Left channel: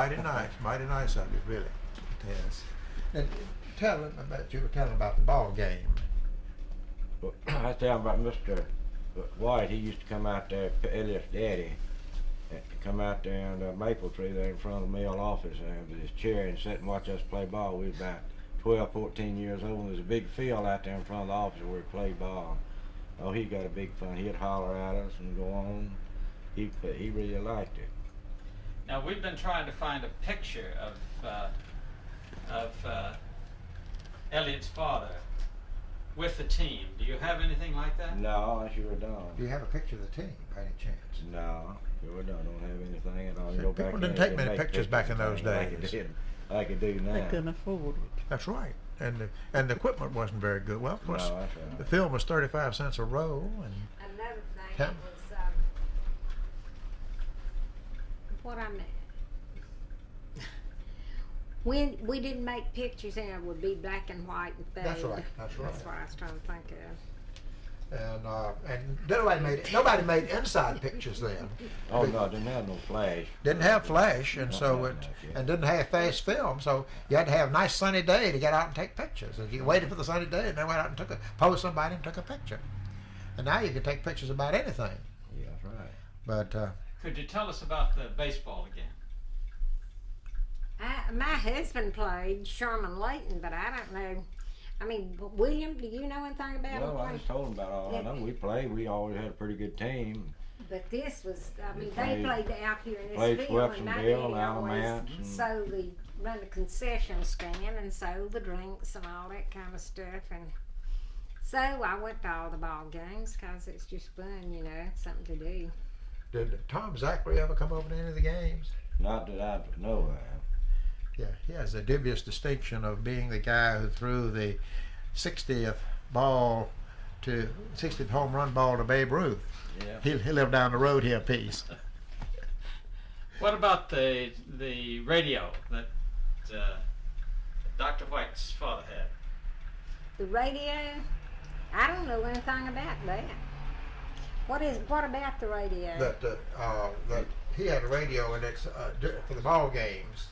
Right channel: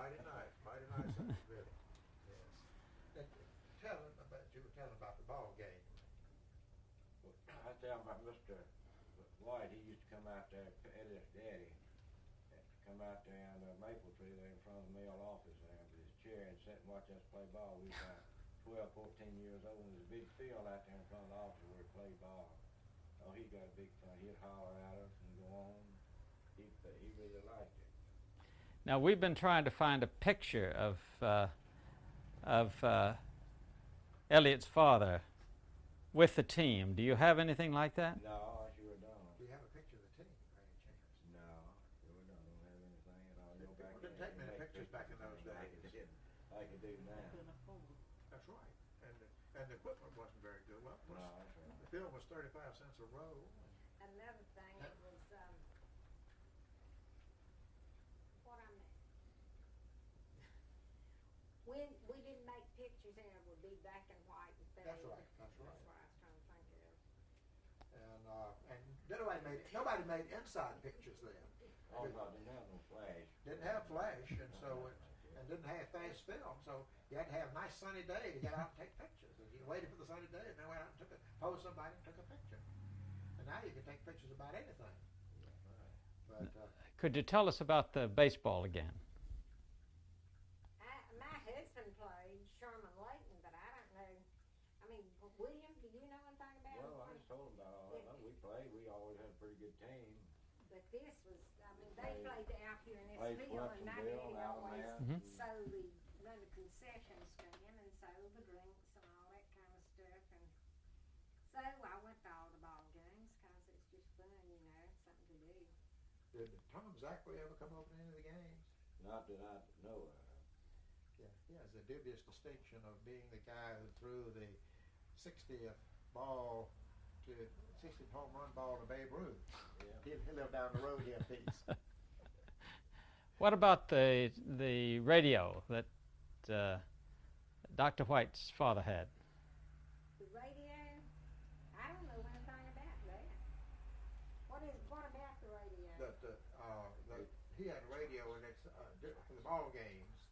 mighty nice of you, really. Yes. And tell them about you were telling about the ball game. Well, I was telling about Mr. White. He used to come out there, Elliott's daddy, come out there on the maple tree there in front of the mill office there with his chair and sit and watch us play ball. We was about 12, 14 years old, and there's a big field out there in front of the office where we played ball. Oh, he got a big fun. He'd holler at us and go on. He really liked it. Now we've been trying to find a picture of Elliott's father with the team. Do you have anything like that? No, I sure don't. Do you have a picture of the team by any chance? No, sure don't have anything at all. See, people didn't take many pictures back in those days. Like it do now. They couldn't afford it. That's right. And the equipment wasn't very good. Well, of course, No, that's right. the film was 35 cents a roll. And Another thing Yeah. was what I meant. When we didn't make pictures, and it would be black and white and fade. That's right. That's right. That's what I was trying to think of. And nobody made inside pictures then. Oh no, didn't have no flash. Didn't have flash, and Nothing like that, yeah. and didn't have fast film, so you had to have a nice sunny day to get out and take pictures. And you waited for the sunny day, and then went out and posed somebody and took a picture. And now you can take pictures about anything. Yeah, that's right. But Could you tell us about the baseball again? My husband played Sherman Layton, but I don't know. I mean, William, do you know anything about Well, I him? just told him about all I know. We played. We always had a pretty good team. But this was, I mean, Played- they played out here in this played field, and my daddy Swepsonville, Alamance, always sold run the concession stand and sold the drinks and all that kind of stuff. And so I went to all the ball games because it's just fun, you know, something to do. did Tom Zachary ever come over to any of the games? Not that I know of. Yeah, he has the dubious distinction of being the guy who threw the 60th home run ball to Babe Ruth. Yeah. He lived down the road here a piece. What about the radio that Dr. White's father had? The radio, I don't know anything about that. What about the radio? That he had a radio, and it's for the ball games.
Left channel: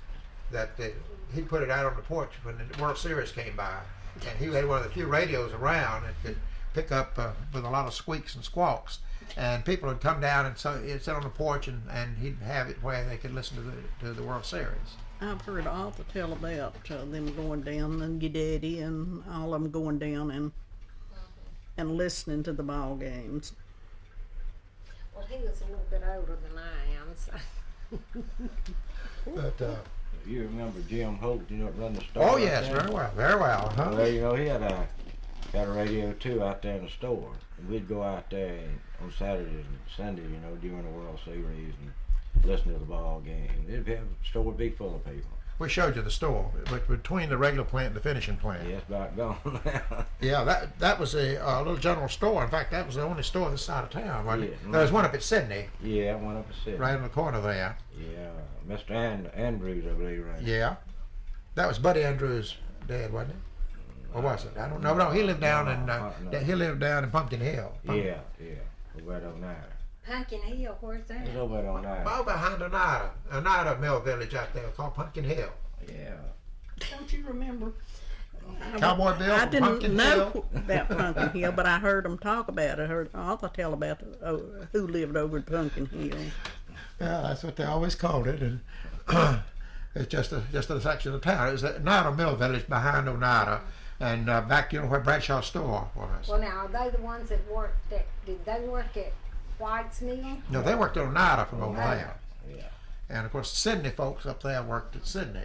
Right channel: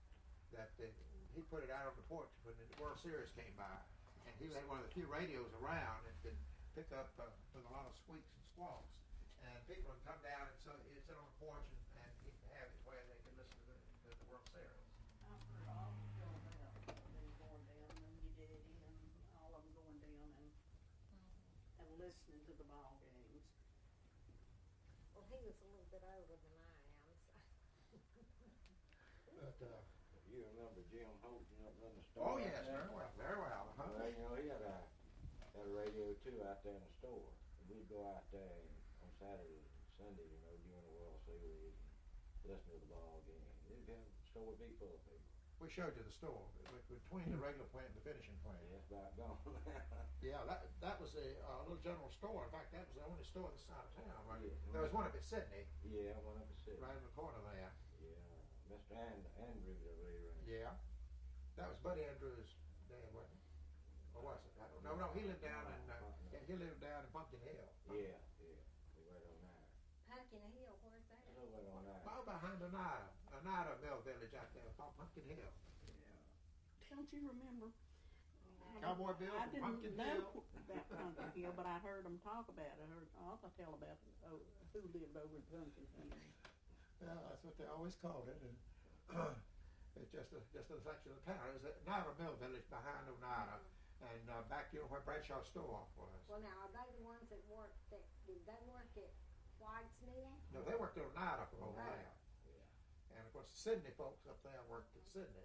He put it out on the porch when the World Series came by, and he had one of the few radios around that could pick up with a lot of squeaks and squawks, and people would come down and so he'd sit on the porch and he'd have it where they could listen to the World Series. I've heard Arthur tell about them going down, and your daddy and all of them going down and listening to the ball games. Well, he was a little bit older than I am, so. But You remember Jim Holt? You know, run the store. oh out yes, there? very well. Huh? Well, you know, he had a radio too out there in the store, and we'd go out there on Saturdays and Sundays, you know, during the World Series and listen to the ball game. The store would be full of people. We showed you the store, but between the regular plant and the finishing plant. Yeah, it's about gone now. Yeah, that was a little general store. In fact, that was the only store this side of town, wasn't it? Yeah. There was one up at Sydney, Yeah, one up the city. right in the corner there. Yeah, Mr. Andrews, I believe, right? Yeah, that was Buddy Andrews' dad, wasn't it? Or was it? I don't know. No, he lived down in Pumpkin Hill. Yeah, over on there. Pumpkin Hill, where's that? It's over on there. Well, behind Oneida Mill Village out there called Pumpkin Hill. Yeah. Don't you remember? Cowboy Bill I from didn't Pumpkin know Hill. about Pumpkin Hill, but I heard them talk about it. I heard Arthur tell about who lived over at Pumpkin Hill. Yeah, that's what they always called it, and it's just a section of town. It was Oneida Mill Village behind Oneida, and back where Bradshaw's store was. Well, now, are they the ones that worked did they work at White's Mill? No, they worked at Oneida from over there. Yeah. And of course, the Sydney folks up there worked at Sydney,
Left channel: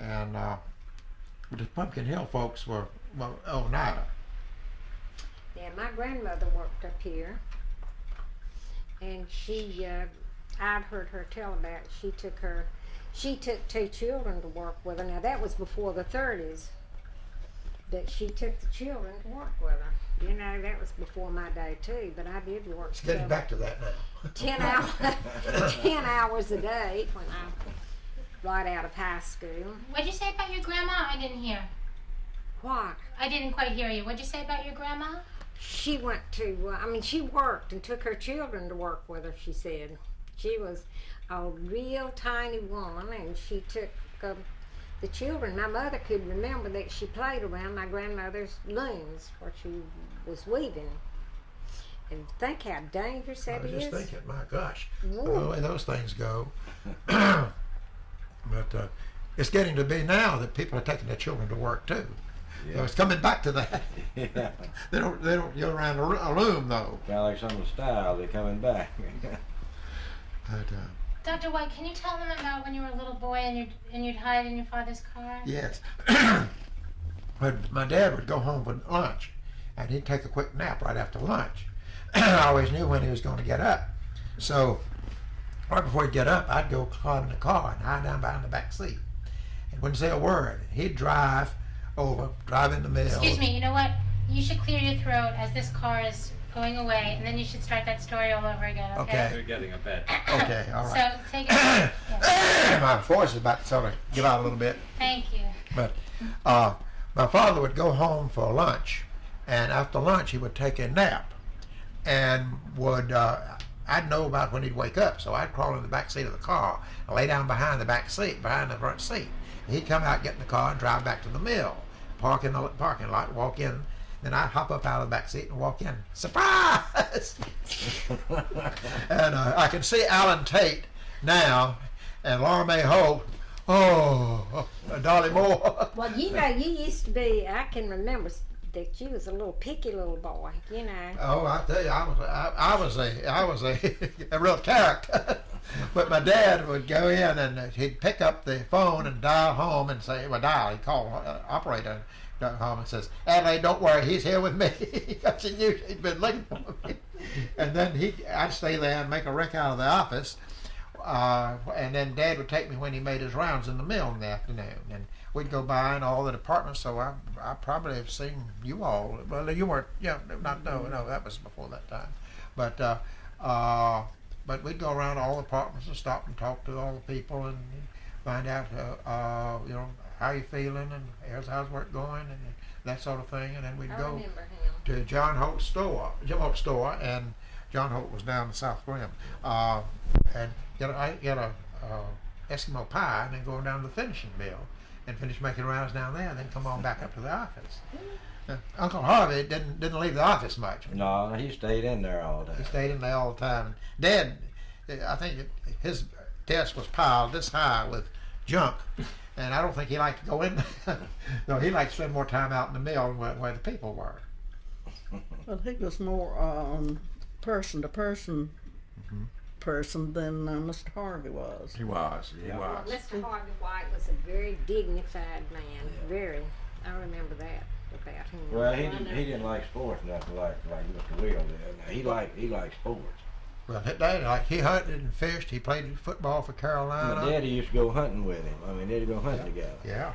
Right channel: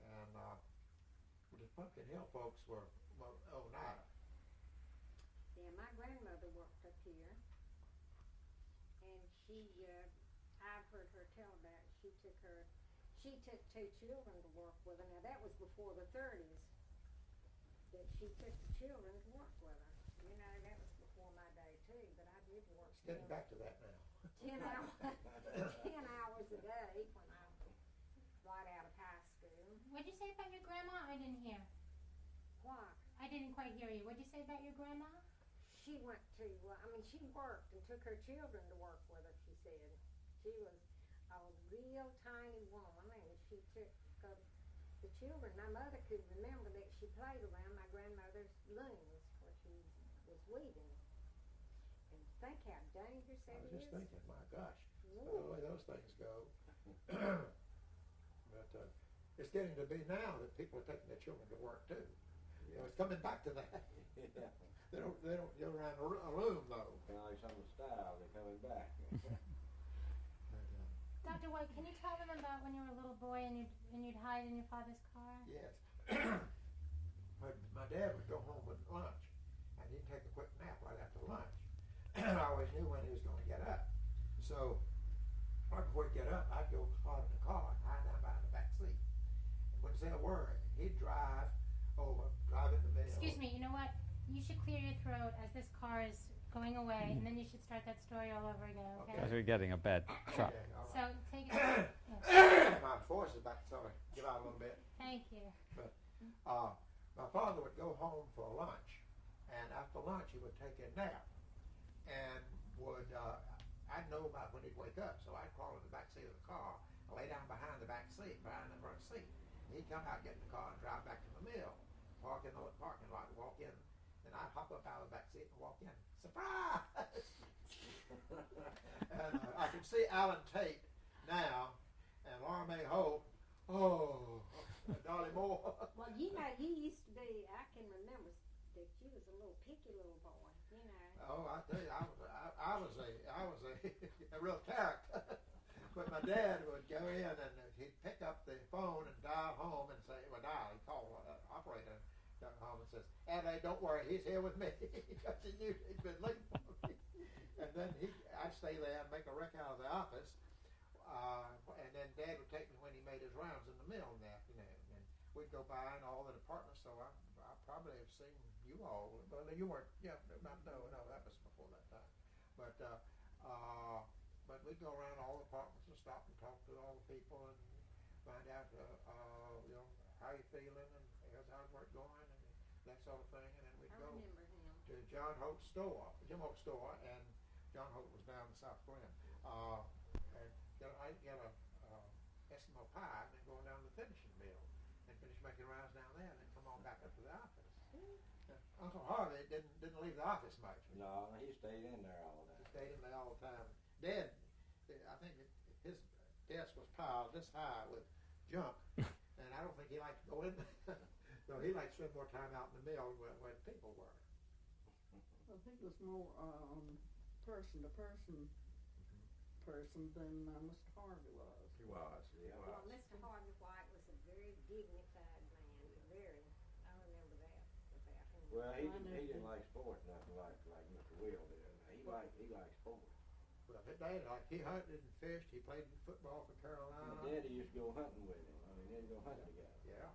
and the Pumpkin Hill folks were Oneida. Yeah, my grandmother worked up here, and she, I'd heard her tell about it. She took 2 children to work with her. Now, that was before the 30s, that she took the children to work with her. You know, that was before my day, too, but I did work. It's getting back to that now. 10 hours a day when I right out of high school. What'd you say about your grandma? I didn't hear. What? I didn't quite hear you. What'd you say about your grandma? She went to, she worked and took her children to work with her, she said. She was a real tiny woman, and she took the children. My mother could remember that she played around my grandmother's looms where she was weaving. And think how dangerous I that was is. just thinking, my gosh, Ooh. the way those things go. But it's getting to be now that people are taking their children to work too. So it's coming back to that. Yeah. They don't go around a loom though. Kind of like some of the style, they're coming back. But Dr. White, can you tell them about when you were a little boy and you'd hide in your father's car? yes, but my dad would go home for lunch, and he'd take a quick nap right after lunch. I always knew when he was going to get up, so right before he'd get up, I'd go climb in the car and hide down behind the back seat, and wouldn't say a word. He'd drive in the mill. Excuse me, you know what? You should clear your throat as this car is going away, and then you should start that story all over again, okay? Okay. You're getting a bed. Okay, all right. So, take it. Yeah. My voice is about to sort of give out a little bit. Thank you. But my father would go home for lunch, and after lunch he would take a nap, and would I'd know about when he'd wake up, so I'd crawl in the back seat of the car and lay down behind the back seat, behind the front seat. He'd come out, get in the car, and drive back to the mill, park in the parking lot, walk in. Then I'd hop up out of the back seat and walk in. Surprise! And I can see Alan Tate now, and Laura Mae Holt. Oh, Dolly Moore. Well, you know, you used to be. I can remember that you was a little picky little boy. You know. Oh, I tell you, I was a real character. But my dad would go in and he'd pick up the phone and dial home and say, well, he'd call operator home and says, Adelaide, don't worry, he's here with me. Because he knew he'd been looking for me. And then I'd stay there and make a wreck out of the office. And then Dad would take me when he made his rounds in the mill in the afternoon. And we'd go by in all the departments, so I probably have seen you all. Well, you weren't, no, that was before that time. But we'd go around all the departments and stop and talk to all the people and find out, how you feeling and how's work going and that sort of thing. And then we'd I go remember him. to Jim Holt's store, and John Holt was down the South Rim, and get a Eskimo pie, and then go down to the finishing mill and finish making rounds down there, and then come on back up to the office. Uncle Harvey didn't leave the office much. No, he stayed in there all day. He stayed in there all the time. And Dad, I think his desk was piled this high with junk, and I don't think he liked to go in there. No, he liked to spend more time out in the mill where the people were. Well, he was more person to person person than Mr. Harvey was. He was. He Yeah. Well, was. Mr. Harvey White was a very dignified man. Very. I remember that about him. Well, he didn't like sports nothing like Mr. Will did. He liked sports. Well, Dad, he hunted and fished. He played football for Carolina. My daddy used to go hunting with him. I mean, they'd go hunting together. Yeah.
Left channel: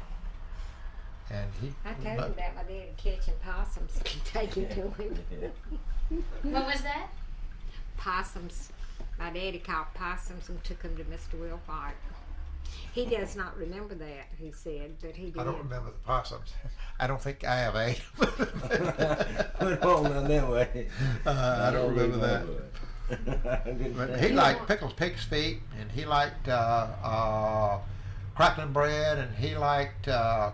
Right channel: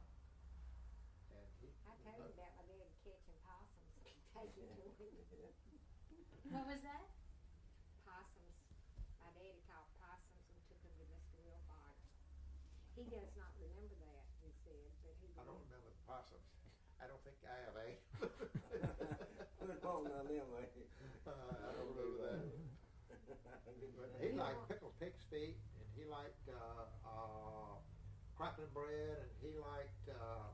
And I told him that my dad catching possums and taking to him. What was that? Possums. My daddy caught possums and took them to Mr. Will White. He does not remember that, he said, but he did. I don't remember the possums. I don't think I have ate. Put on them way. I don't remember that. But he liked pickled pig's feet, and he liked crackling bread, and he liked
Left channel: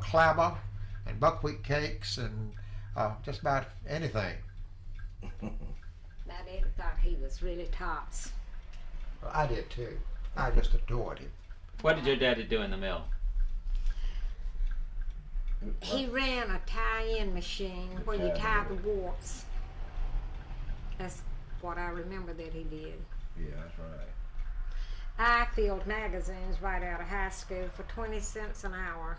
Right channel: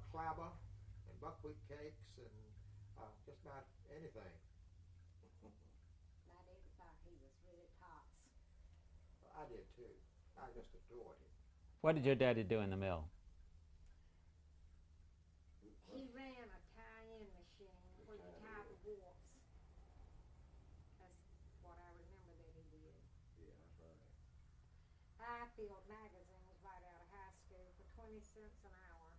clabber and buckwheat cakes, and just about anything. My daddy thought he was really tops. Well, I did too. I just adored him. What did your daddy do in the mill? He ran a tie-in machine where you tie the warts. That's what I remember that he did. Yeah, that's right. I filled magazines right out of high school for 20 cents an hour.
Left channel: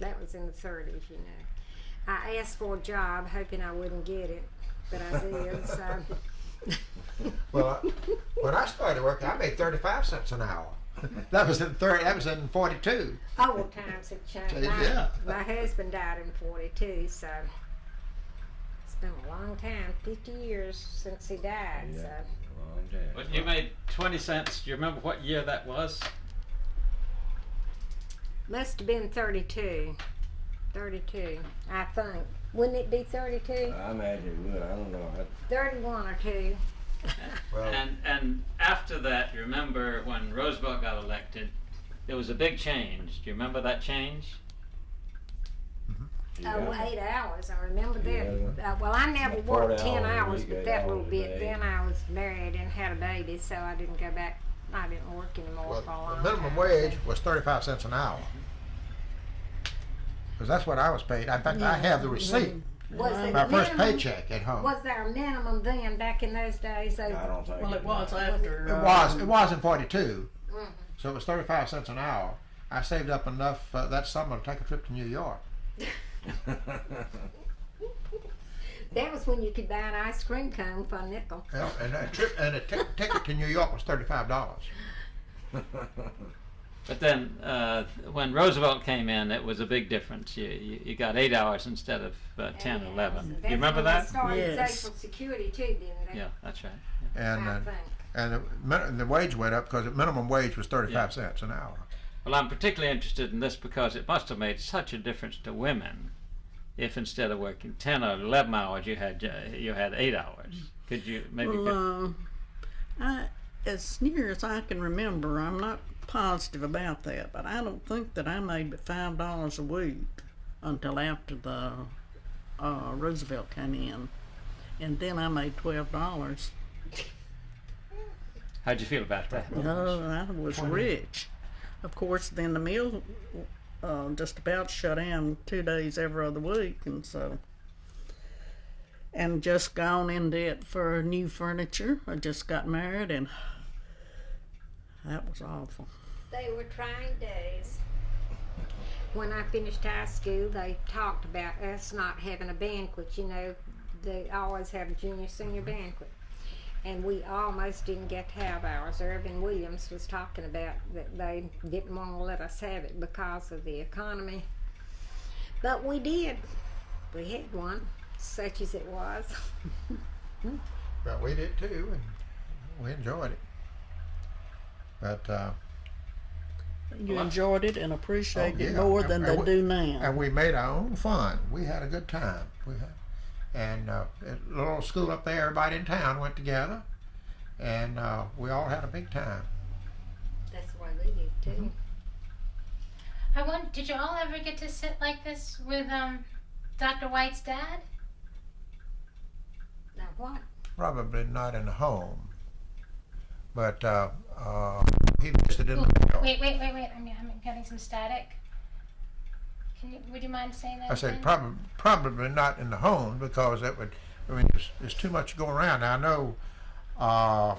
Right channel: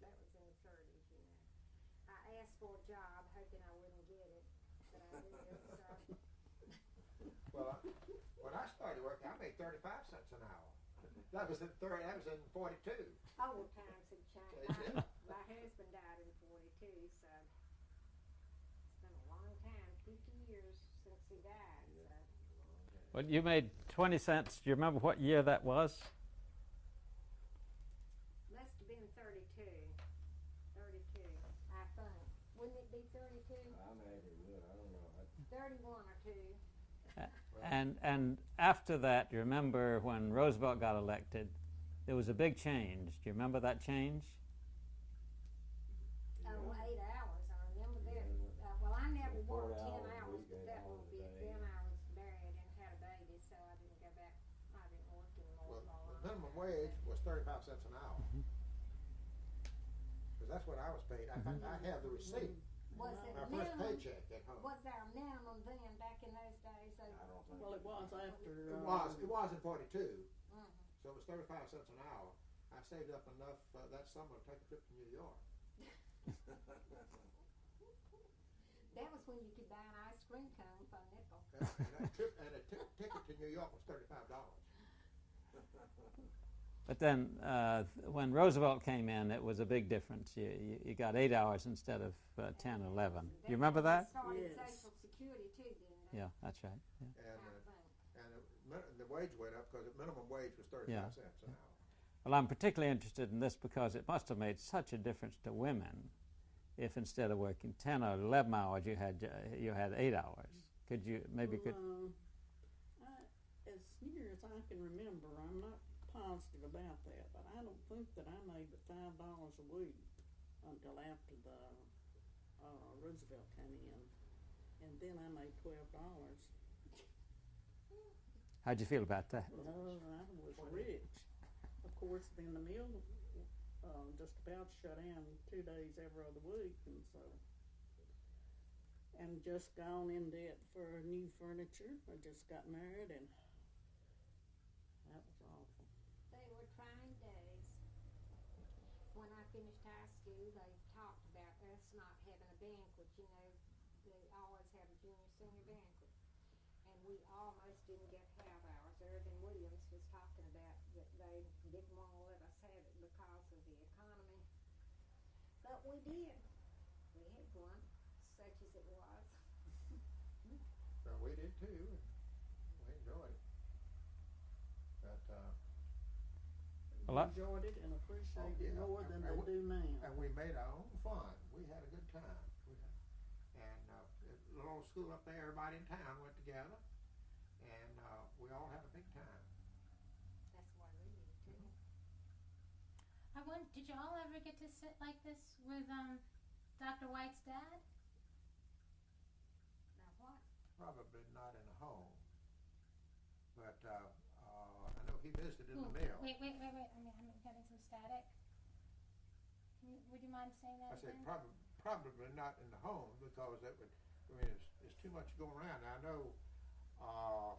That was in the 30s, you know. I asked for a job hoping I wouldn't get it, but I did, so. Well, when I started working, I made 35 cents an hour. That was in 42. Oh, well, times have changed. Yeah. My husband died in 42, so it's been a long time, 50 years since he died, Yeah. so. Long time. Well, you made 20 cents. Do you remember what year that was? Must have been 32. 32, I think. Wouldn't it be 32? I imagine it would. I don't know. 31 or 2. Well, And after that, you remember when Roosevelt got elected, there was a big change. Do you remember that change? Oh, 8 hours. I remember that. Yeah. Well, I never Like worked 40 10 hours a hours, week, but 8 that little hours a bit. day. Then I was married and had a baby, so I didn't go back. I didn't work anymore well, for a long the minimum time. wage was 35 cents an hour. Because that's what I was paid. In fact, I have the receipt. Was it My first minimum? paycheck at home. Was there a minimum then, back in those days? I don't think. Well, it was after. It was in 42. Mhm. So it was 35 cents an hour. I saved up enough that summer to take a trip to New York. That was when you could buy an ice cream cone for a nickel. Yeah, and a ticket to New York was $35. But then when Roosevelt came in, it was a big difference. You got 8 hours instead of 10, 11. That's You remember when they that? started Yes. Social Security too, didn't they? Yeah, that's right. And I think. and the wage went up because the minimum wage was 35 cents an hour. Well, I'm particularly interested in this because it must have made such a difference to women if instead of working 10 or 11 hours, you had 8 hours. Could you maybe? Well, as near as I can remember, I'm not positive about that, but I don't think that I made but $5 a week until after the Roosevelt came in, and then I made $12. How'd you feel about that? I was rich. Of course, then the mill just about shut down 2 days every other week, and so. And just gone in debt for new furniture. I just got married, and that was awful. They were trying days. When I finished high school, they talked about us not having a banquet. You know, they always have a junior senior banquet. And we almost didn't get to have ours. Irvin Williams was talking about that they didn't want to let us have it because of the economy. But we did. We had one, such as it was. But we did too, and we enjoyed it. But You enjoyed it and appreciated it yeah. more than they do now. and we made our own fun. We had a good time. And at a little school up there, everybody in town went together, and we all had a big time. That's why they did too. I wonder, did you all ever get to sit like this with Dr. White's dad? Now what? Probably not in the home, but he visited in the mill. Wait. I'm getting some static. Would you mind saying that I said again? probably not in the home because that would. I mean, there's too much going around. Now I know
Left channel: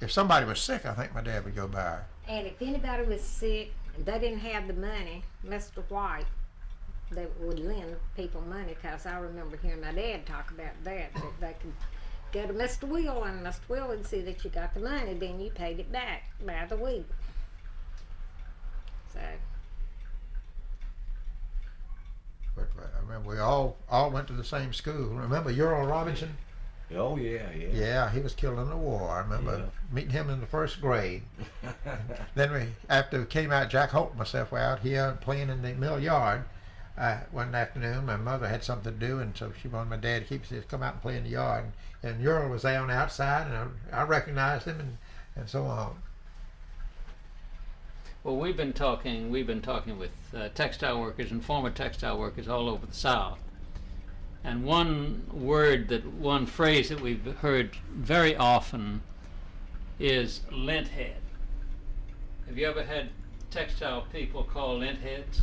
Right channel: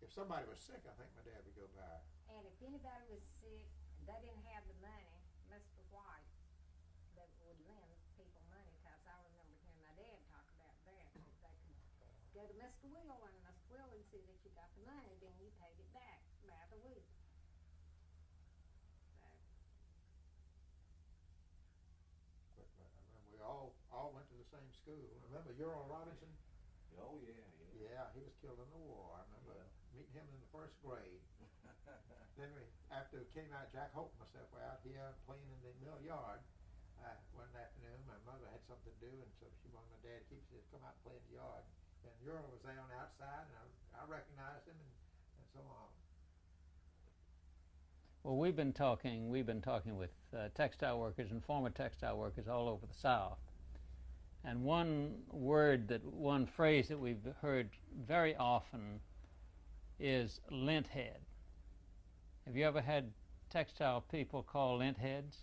if somebody was sick, I think my dad would go by. And if anybody was sick, they didn't have the money, Mr. White, they would lend people money, because I remember hearing my dad talk about that they could go to Mr. Will, and Mr. Will would see that you got the money, then you paid it back by the week. So, But I remember we all went to the same school. Remember Earl Robinson? Oh yeah. Yeah, he was killed in the war. I remember meeting him in the first grade. Then after we came out, Jack Holt and myself were out here playing in the mill yard. One afternoon, my mother had something to do, and so she wanted my dad to come out and play in the yard. And Earl was there on the outside, and I recognized him, and so on. Well, we've been talking with textile workers and former textile workers all over the South. And one phrase that we've heard very often is lint head. Have you ever had textile people called lint heads?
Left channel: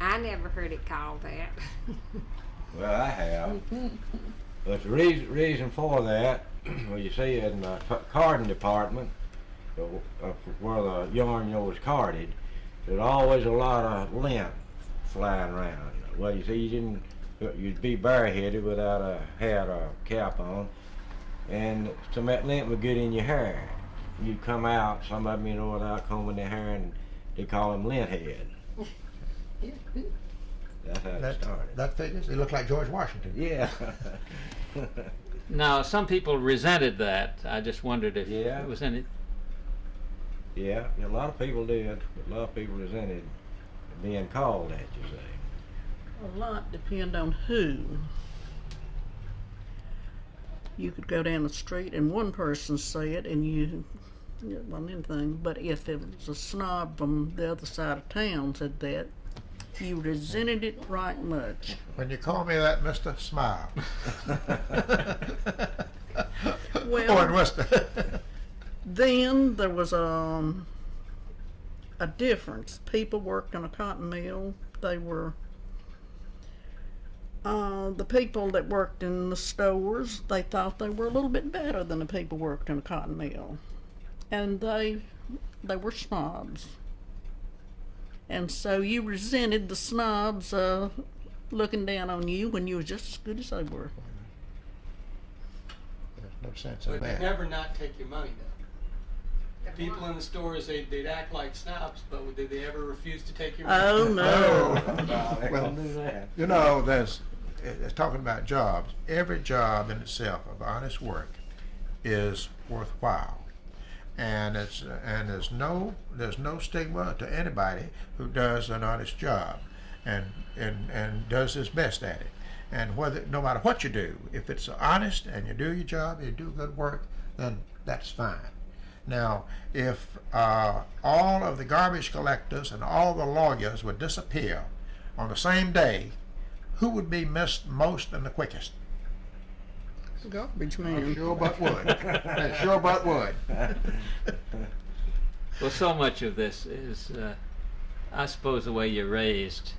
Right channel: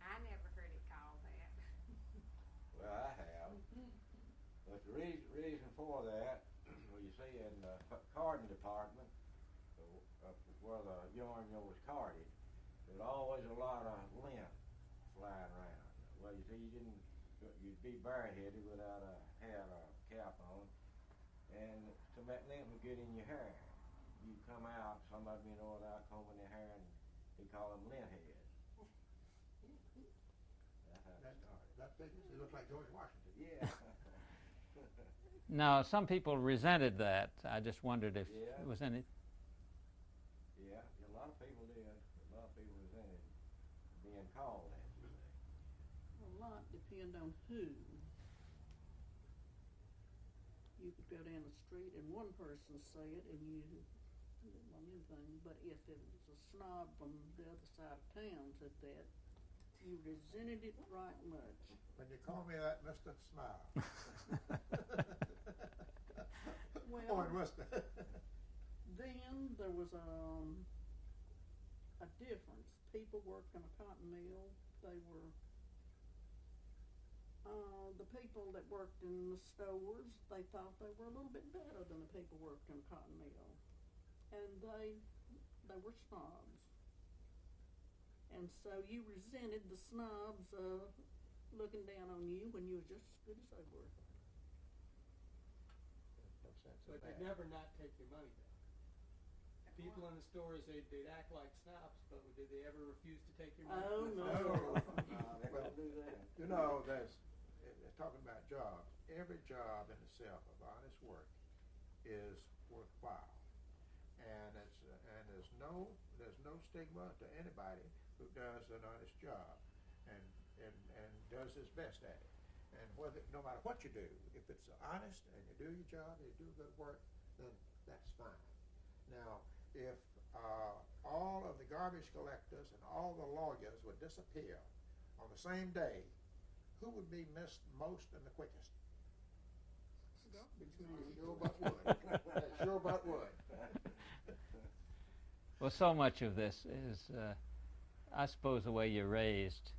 I never heard it called that. Well, I have. But the reason for that, well, you see in the carding department, where the yarn was carded, there's always a lot of lint flying around. Well, you see, you'd be bareheaded without a hat or cap on, and some of that lint would get in your hair. You'd come out, some of them, without combing their hair, and they call them lint head. That's how it started. That figures. He looked like George Washington. Yeah. Now, some people resented that. I just wondered if it was any. Yeah, a lot of people did. A lot of people resented being called that, you say. A lot depend on who. you could go down the street and one person said, and it wasn't anything. But if it was a snob from the other side of town said that, you resented it right much. When you call me that, Mr. Smile. Well, Or in Worcester. then there was a difference. People worked in a cotton mill. They were the people that worked in the stores. They thought they were a little bit better than the people who worked in a cotton mill, and they were snobs. And so you resented the snobs looking down on you when you were just as good as they were. There's no sense But in they'd that. never not take your money though. People in the stores, they'd act like snobs, but did they ever refuse to take your money? Oh no! Well, do that. you know, it's talking about jobs. Every job in itself of honest work is worthwhile, and there's no stigma to anybody who does an honest job, and does his best at it. And no matter what you do, if it's honest and you do your job, you do good work, then that's fine. Now, if all of the garbage collectors and all the lawyers would disappear on the same day, who would be missed most and the quickest? Garbage man. Sure but would. Sure but would. Well, so much of this is, I suppose, the way you're raised.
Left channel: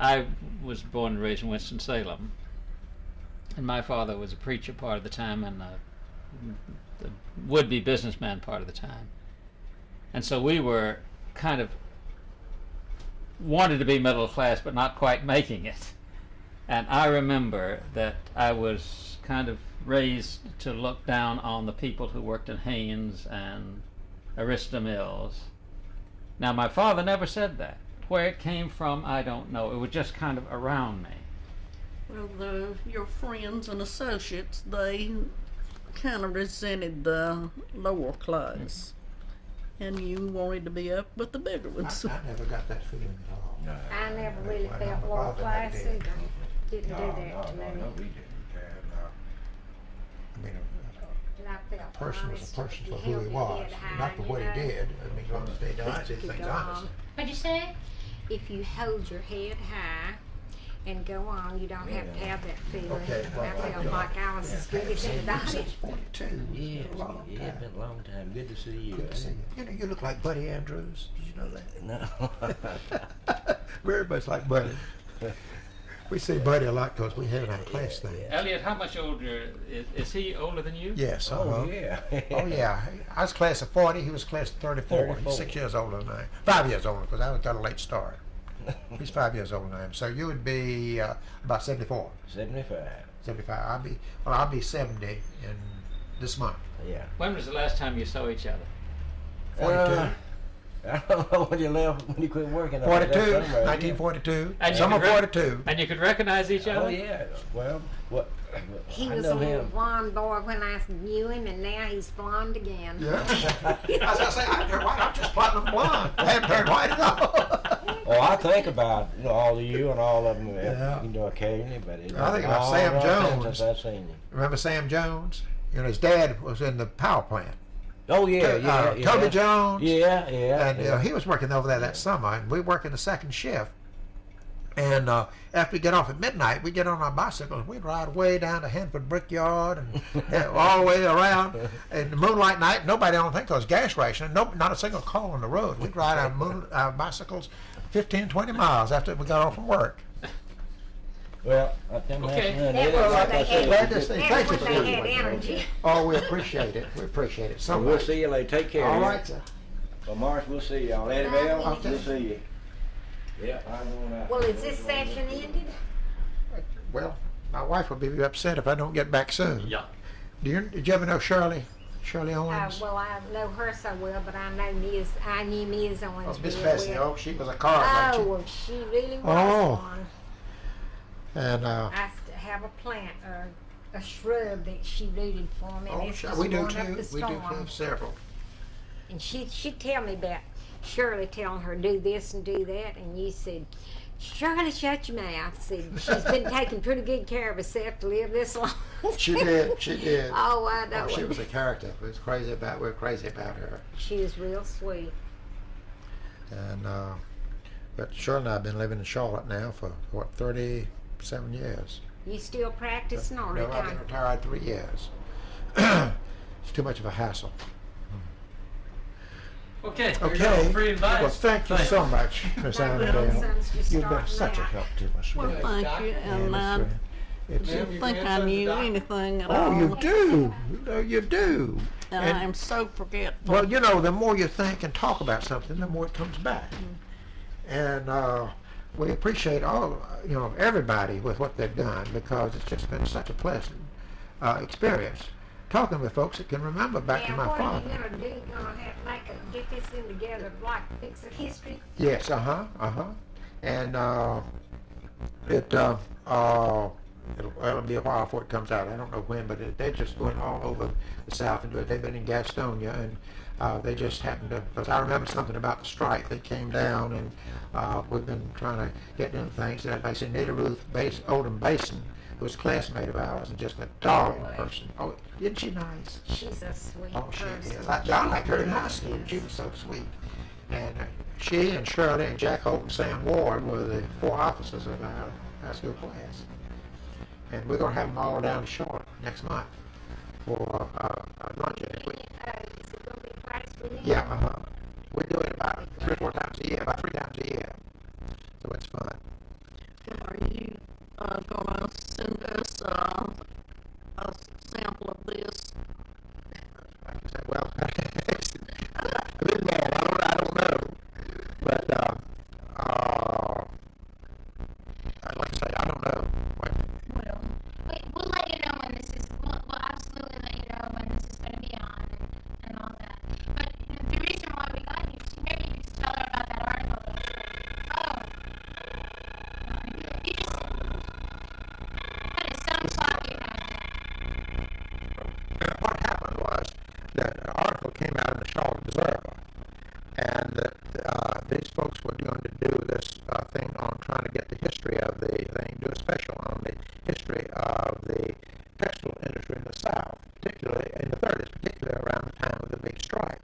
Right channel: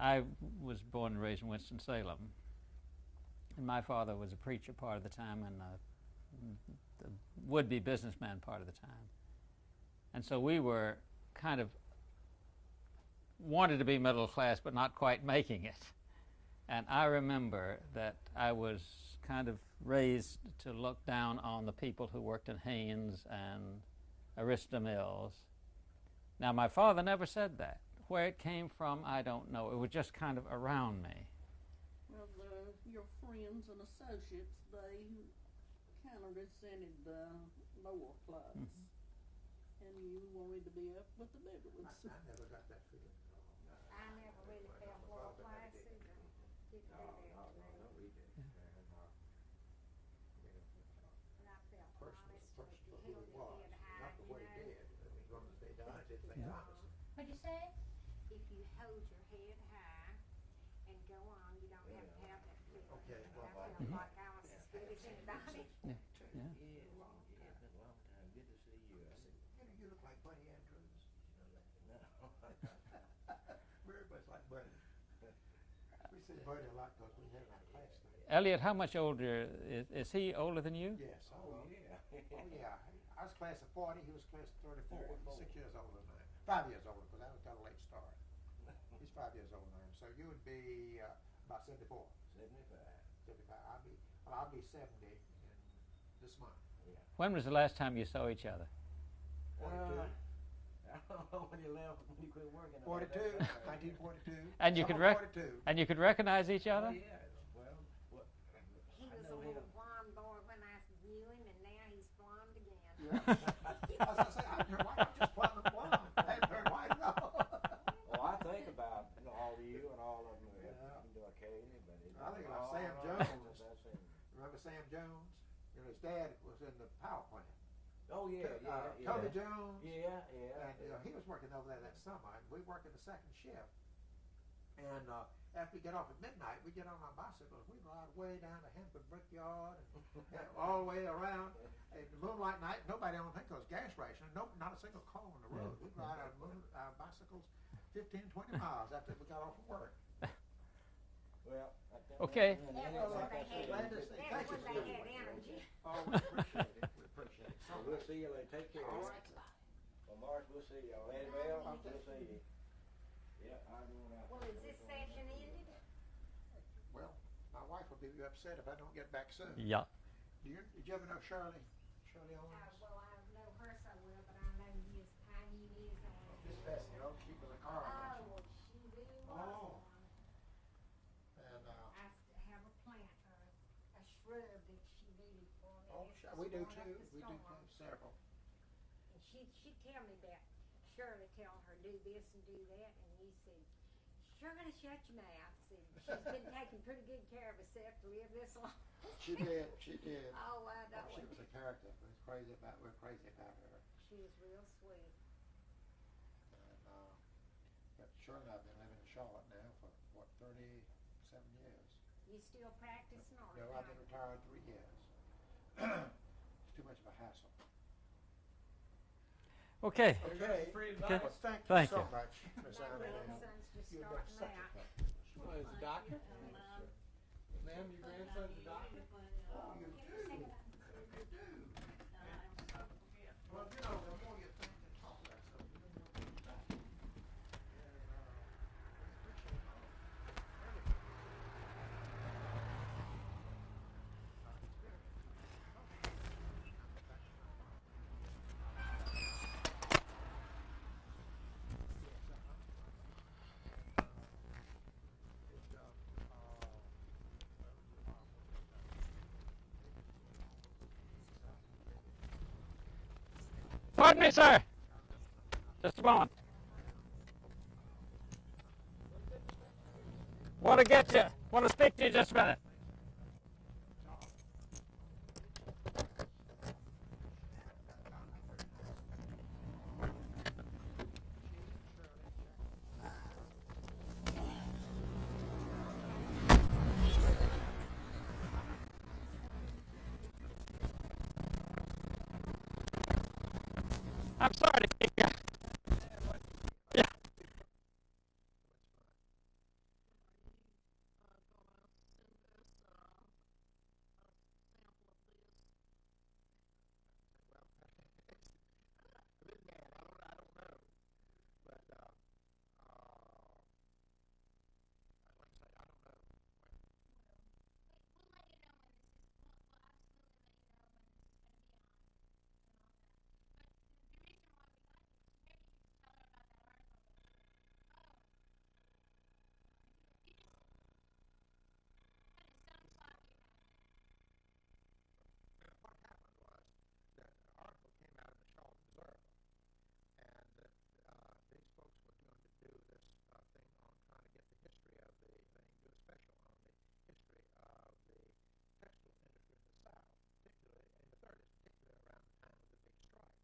I was born and raised in Winston-Salem, and my father was a preacher part of the time and the would-be businessman part of the time. And so we were kind of wanted to be middle class, but not quite making it. And I remember that I was kind of raised to look down on the people who worked in Haynes and Arista Mills. Now, my father never said that. Where it came from, I don't know. It was just kind of around me. Well, your friends and associates, they kind of resented the lower class, and you wanted to be up with the bigger ones. I never got that feeling at all. No. I never really Well, felt my lower father class never did. either. Didn't do that to me. No, we didn't. I mean, And I felt a person was honest. a person If for you who held he your was, head high, not for you what he know, did. I mean, as long as they did you things could go honest. on. What'd you say? If you hold your head high and go on, you don't have to have that feeling. Okay, well, I felt like I was as good as anybody. 42. Yeah, It's a long it's time. been a long time. Good to see you. Good to see you. You know, you look like Buddy Andrews. Did you know that? No. Very much like Buddy. We see Buddy a lot because we had it on class thing. Elliott, how much older is he? Older than you? Yes. Oh, yeah. Oh yeah. I was class of 40. He was class of 34. 34. He's 6 years older than I am. 5 years older because I got a late start. He's 5 years older than I am. So you would be about 74, 75. 75. I'll be 70 in this month. Yeah. When was the last time you saw each other? 42. I don't know when you left, when you quit working. 42. That's somewhere, 1942. And you Summer could 42. And you could recognize each Yeah. other? Oh, yeah. Well, what? He I was know a little him. blonde boy when I knew him, and now he's blonde again. Yeah. I was gonna say, I turned white. I'm just platinum blonde. I haven't turned white at all. Oh, I think about all of you and all of them, Yeah. occasionally, but it's I think about all Sam the time Jones. since I've seen you. Remember Sam Jones? You know, his dad was in the power plant. Oh yeah, yeah, yeah. Toby Jones. Yeah, yeah. And yeah. he was working over there that summer, and we working the second shift. And after we get off at midnight, we get on our bicycles. We'd ride way down to Hanford Brickyard and all the way around. And the moonlight night, nobody don't think because gas rationing. Not a single car on the road. We'd ride our bicycles 15, 20 miles after we got off from work. Well, I think Okay. that's That it. was Like when I they said, had- Glad to see. That's Thank you when for they doing had it. energy. Oh, we appreciate it. We appreciate it so So we'll much. see you later. Take care. All yeah. right, sir. Well, Morris, we'll see y'all. Annabelle, Okay. we'll see you. Yeah, I'm going out. Well, is this session ended? Well, my wife will be upset if I don't get back soon. Yeah. Did you ever know Shirley Owens? Well, I know her so well, but I knew Ms. Oh, Owens Miss real Bessie. well. Oh, she was a card, Oh, wasn't well, she really was Oh. one. she? And I have a plant, a shrub that she rooted for me, and it's just we do going too. up the We do storm. too. Several. And she'd tell me about Shirley telling her do this and do that, and you said, Shirley, shut your mouth. See, she's been taking pretty good care of herself to live this long. She did. She did. Oh, I know. She was a character. We're crazy about her. She is real sweet. And but Shirley and I have been living in Charlotte now for what 37 years. You still practicing on No, it? I've been retired 3 years. It's too much of a hassle. Okay. There you Okay. go. Free advice. Well, thank you Thanks. so much, Miss Annabelle. Grandson's just You've been starting such a out. help to us. Well, Yes, thank doctor. you, and And I it's, Ma'am, didn't your think I grandson's a knew doctor? anything at oh, all. you do. No, you do. And And- I am so forgetful. Well, you know, the more you think and talk about something, the more it comes back. And we appreciate everybody with what they've done, because it's just been such a pleasant experience talking with folks that can remember back to my what father. are you gonna do? You gonna have like get this thing together, like fix a history? Yes, and it'll be a while before it comes out. I don't know when, but they're just going all over the South and they've been in Gastonia, and they just because I remember something about the strike that came down, and we've been trying to get into things. And I said, Nita Ruth Oldham Basin was a classmate of ours, and just a darling person. Oh, isn't she nice? She's a sweet Oh, she person. is. I liked her in high school. She was so sweet. And she and Shirley and Jack Holt and Sam Ward were the 4 officers of our high school class. And we're going to have them all down to Charlotte next month for lunch next week. Yeah, I'm sorry. We do it about 3 or 4 times a year, about 3 times a year. So it's fun. Are you gonna send us a sample of this? Like I said, well, I don't know. But like I say, I don't know. Well, We'll let you know when this is. We'll absolutely let you know when this is going to be on and all that. But the reason why we got you is maybe you just tell her about that article. Oh, you just. That is some clock you had. What happened was that an article came out in the Charlotte Observer, and that these folks were going to do this thing on trying to get the history of the thing, do a special on the history of the textile industry in the South, particularly in the 30s, particularly around the time of the big strike.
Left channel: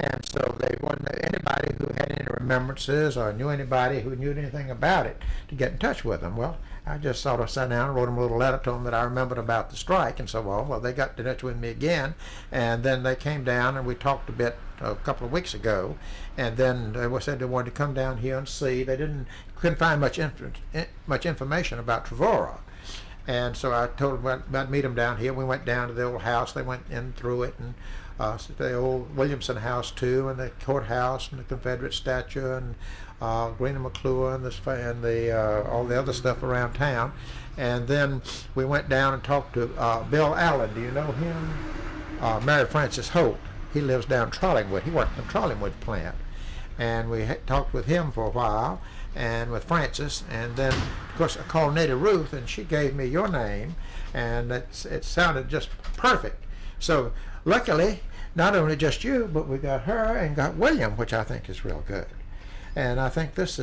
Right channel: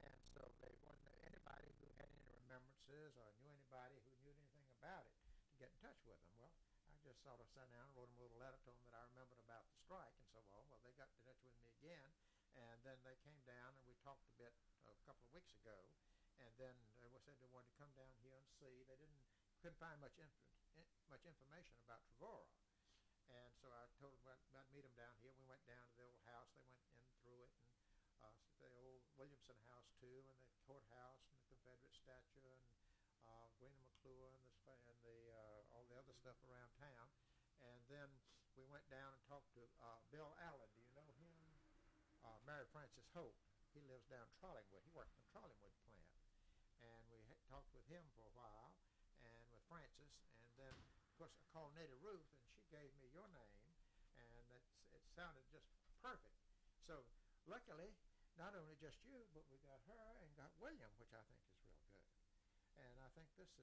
And so they wanted anybody who had any remembrances or knew anybody who knew anything about it to get in touch with them. Well, I just sort of sat down and wrote them a little letter to them that I remembered about the strike and so on. Well, they got in touch with me again, and then they came down and we talked a bit a couple of weeks ago, and then they said they wanted to come down here and see. They couldn't find much information about Trevora, and so I told them about meet them down here. We went down to the old house. They went in through it, and the old Williamson house too, and the courthouse, and the Confederate statue, and Green and McClure, and all the other stuff around town. And then we went down and talked to Bill Allen. Do you know him? Mary Francis Holt. He lives down Trollingwood. He worked in the Trollingwood plant. And we talked with him for a while, and with Francis. And then, of course, I called Nita Ruth, and she gave me your name, and it sounded just perfect. So luckily, not only just you, but we got her and got William, which I think is real good. And I think this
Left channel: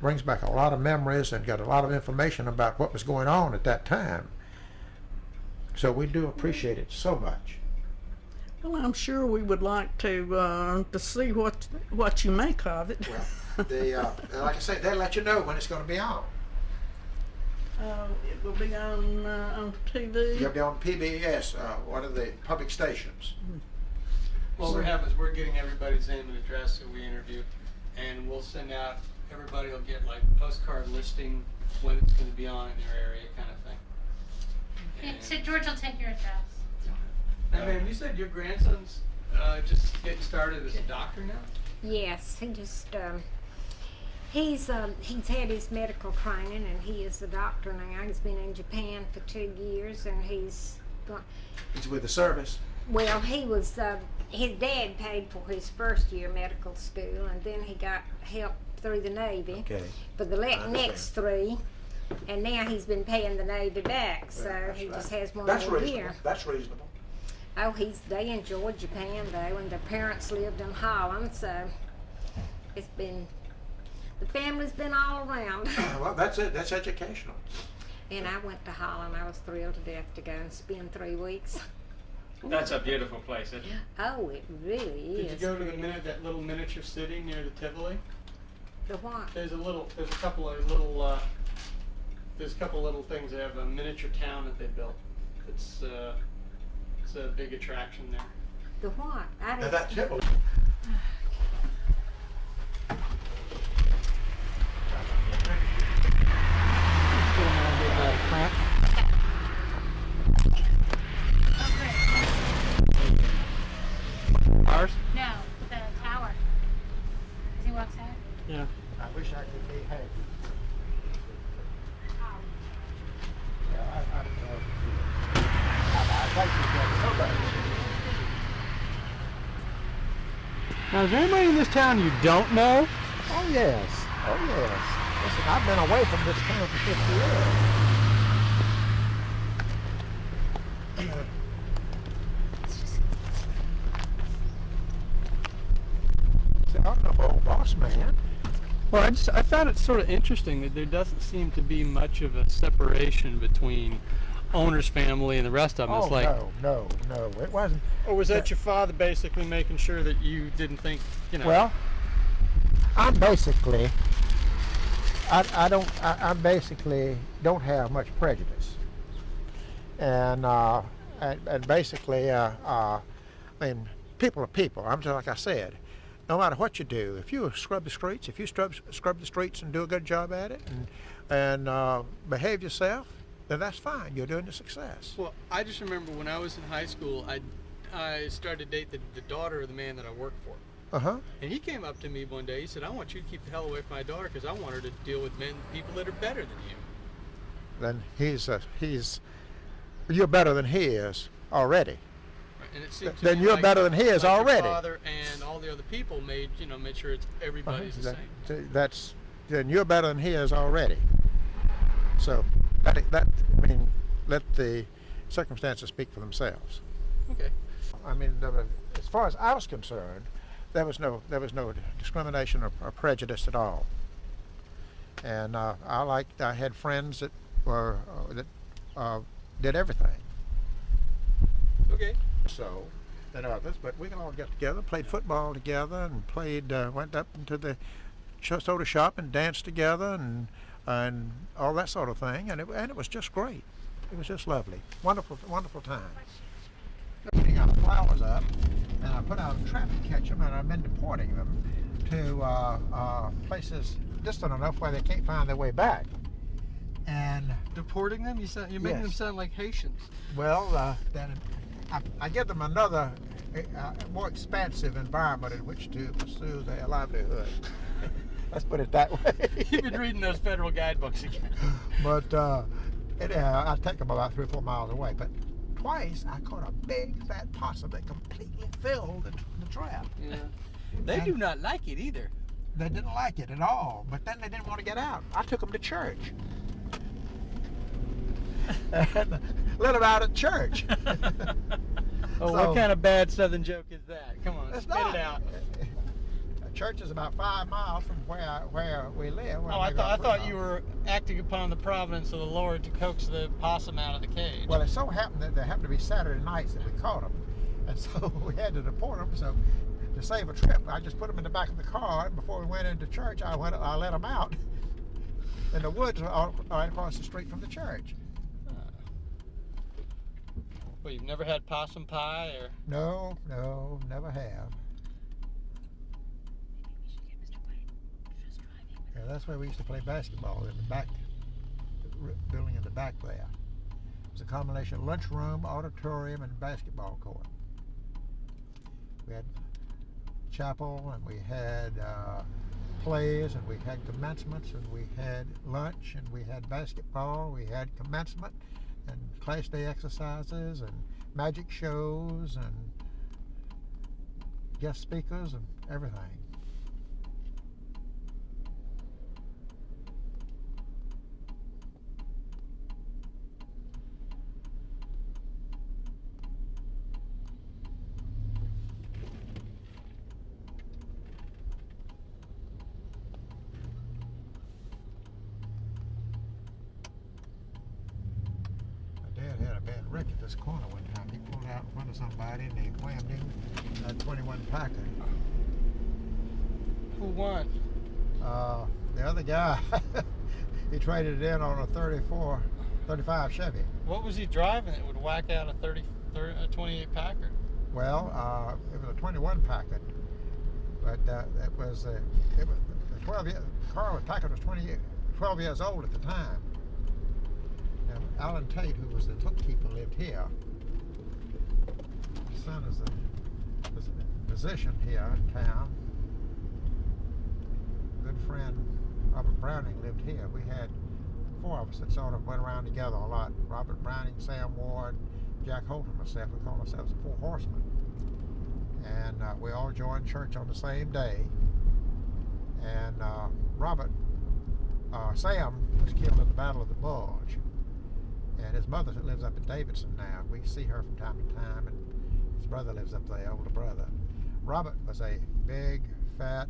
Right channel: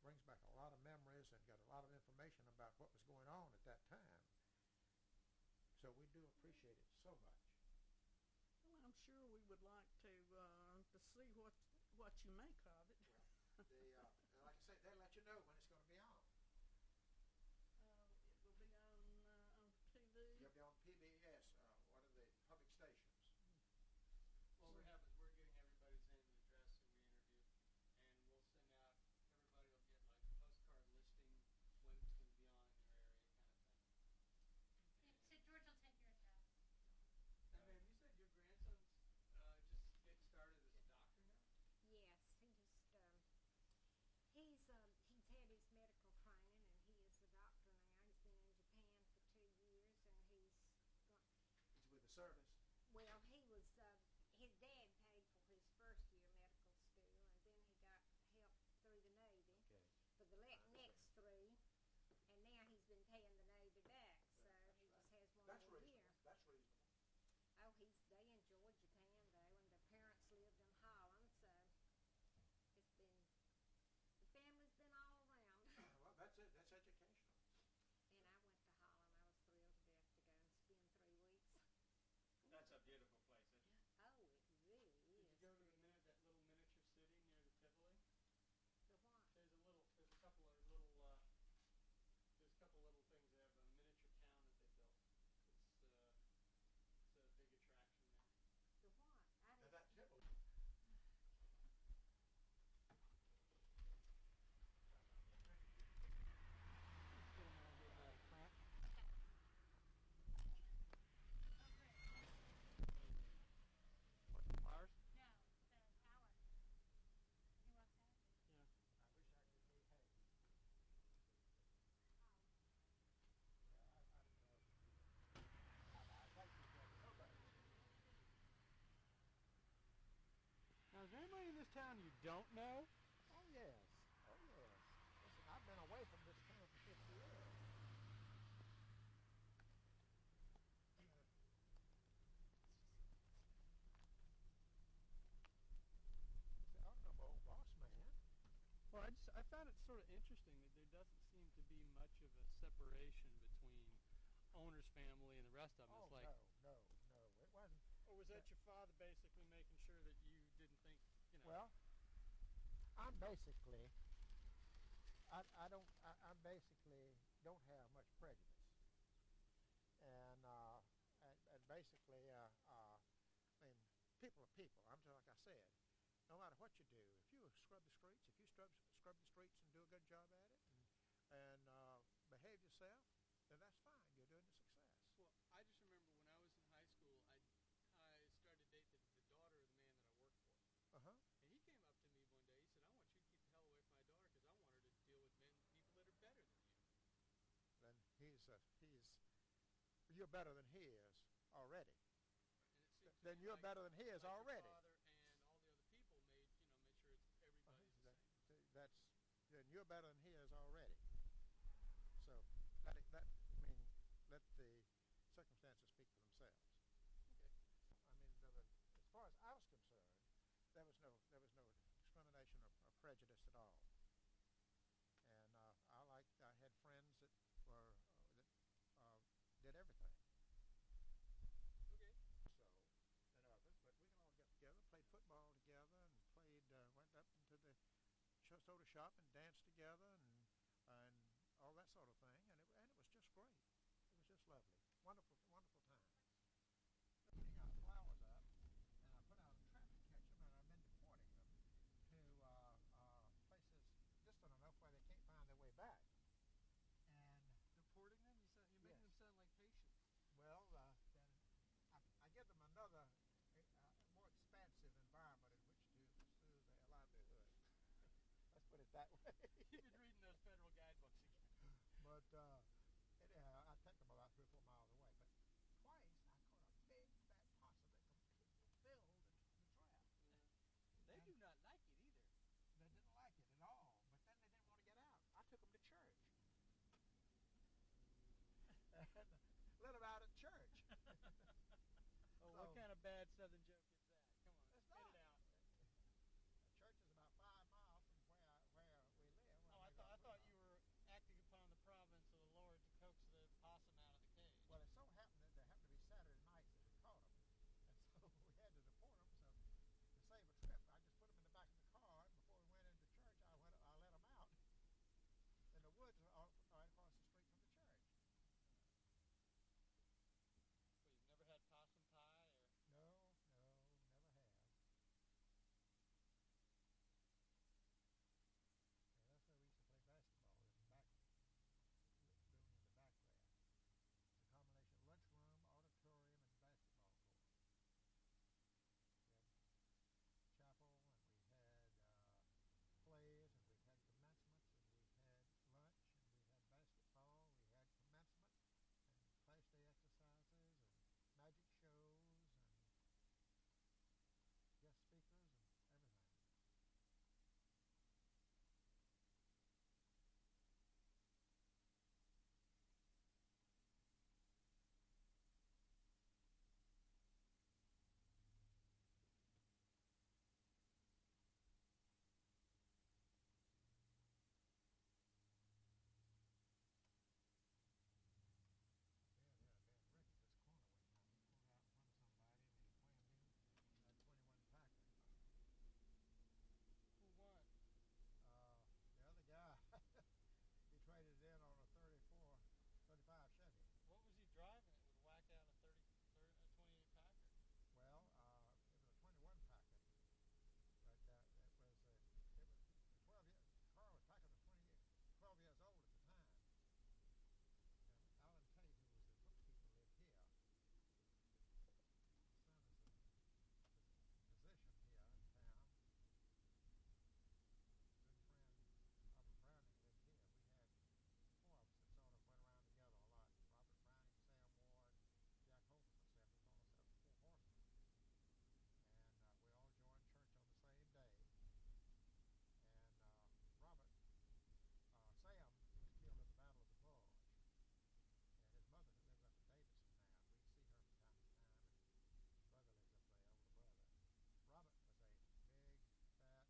brings back a lot of memories and got a lot of information about what was going on at that time. So we do appreciate it so much. well, I'm sure we would like to see what you make of it. Well, like I say, they'll let you know when it's going to be on. It will be on TV. You'll be on PBS, one of the public stations. What we're having is we're getting everybody's name and address who we interview, and we'll send out, everybody will get like postcard listing when it's going to be on in their area kind of thing. Yeah, so George will take your address. And ma'am, you said your grandson's just getting started as a doctor now? Yes, he just he's had his medical training, and he is a doctor now. He's been in Japan for 2 years, and he's with the service. well, he was his dad paid for his first year medical school, and then he got help through the Navy Okay. for the understand. next 3, and now he's been paying the Navy back, so That's he right. just has one That's more reasonable. year. That's reasonable. Oh, they enjoyed Japan though, and their parents lived in Holland, so it's been. The family's been all around. Well, that's it. That's educational. And I went to Holland. I was thrilled to death to go and spend 3 weeks. That's a beautiful place, isn't it? Oh, it really is. Did you go to the pretty. that little miniature city near the Tivoli? The what? There's a couple of little things. They have a miniature town that they built. It's a big attraction there. The what? I Now didn't. that Tivoli. Ours? No, the tower. As he walks out. Yeah. I wish I could be happy. Yeah, I'd like to get somebody. Now, is there anybody in this town you don't know? Oh yes, oh yes. Listen, I've been away from this town for 50 years. See, I'm the old boss man. Well, I found it sort of interesting that there doesn't seem to be much of a separation between owner's family and the rest of them. Oh It's like, no, it wasn't. or was that your father basically making sure that you didn't think, you know? Well, I'm basically, I basically don't have much prejudice, and basically, I mean, people are people. I'm just like I said, no matter what you do, if you scrub the streets, if you scrub the streets and do a good job at it, and behave yourself, then that's fine. You're doing a success. Well, I just remember when I was in high school, I started to date the daughter of the man that I worked for. Uh-huh. And he came up to me one day. He said, "I want you to keep the hell away from my daughter because I want her to deal with people that are better than you." Then you're better than he is already. Right? And it seemed to Then me you're like, better than he is like already. Your father and all the other people made sure it's everybody's the same. Then you're better than he is already. So that let the circumstances speak for themselves. Okay. I mean, as far as I was concerned, there was no discrimination or prejudice at all. And I had friends that were did everything. Okay. So than others, but we can all get together, played football together, and went up into the soda shop and danced together, and all that sort of thing, and it was just great. It was just lovely, wonderful time. Putting out flowers up, and I put out a trap to catch them, and I've been deporting them to places distant enough where they can't find their way back. And Deporting them? You're making them Yes. sound like Haitians. well, then I give them another more expansive environment in which to pursue their livelihood. Let's put it that way. You've been reading those federal guidebooks again. But I take them about 3 or 4 miles away. But twice I caught a big fat possum that completely filled the trap. Yeah. They do not like it either. They didn't like it at all. But then they didn't want to get out. I took them to church. And let them out at church. Oh, So- what kind of bad Southern joke is that? Come on, It's spit not. it out. Church is about 5 miles from where we live. Oh, I thought you were acting upon the providence of the Lord to coax the possum out of the cage. Well, it so happened that there happened to be Saturday nights that we caught them, and so we had to deport them. So to save a trip, I just put them in the back of the car. And before we went into church, I let them out in the woods right across the street from the church. Well, you've never had possum pie or? No, never have. Yeah, that's where we used to play basketball in the back building in the back there. It was a combination of lunchroom, auditorium, and basketball court. We had chapel, and we had plays, and we had commencements, and we had lunch, and we had basketball, we had commencement, and class day exercises, and magic shows, and guest speakers, and everything. Friday, and they whammed him at 21 Packard. Who won? The other guy, he traded it in on a 35 Chevy. What was he driving that would whack out a 28 Packard? Well, it was a 21 Packard, but it was the 12 year, car with Packard was 12 years old at the time. And Alan Tate, who was the bookkeeper, lived here. His son was a physician here in town. Good friend Robert Browning lived here. We had 4 of us that sort of went around together a lot. Robert Browning, Sam Ward, Jack Holt, and myself. We called ourselves the 4 Horsemen. And we all joined church on the same day. And Sam was killed in the Battle of the Bulge. And his mother lives up in Davidson now. We see her from time to time, and his brother lives up there, older brother. Robert was a big, fat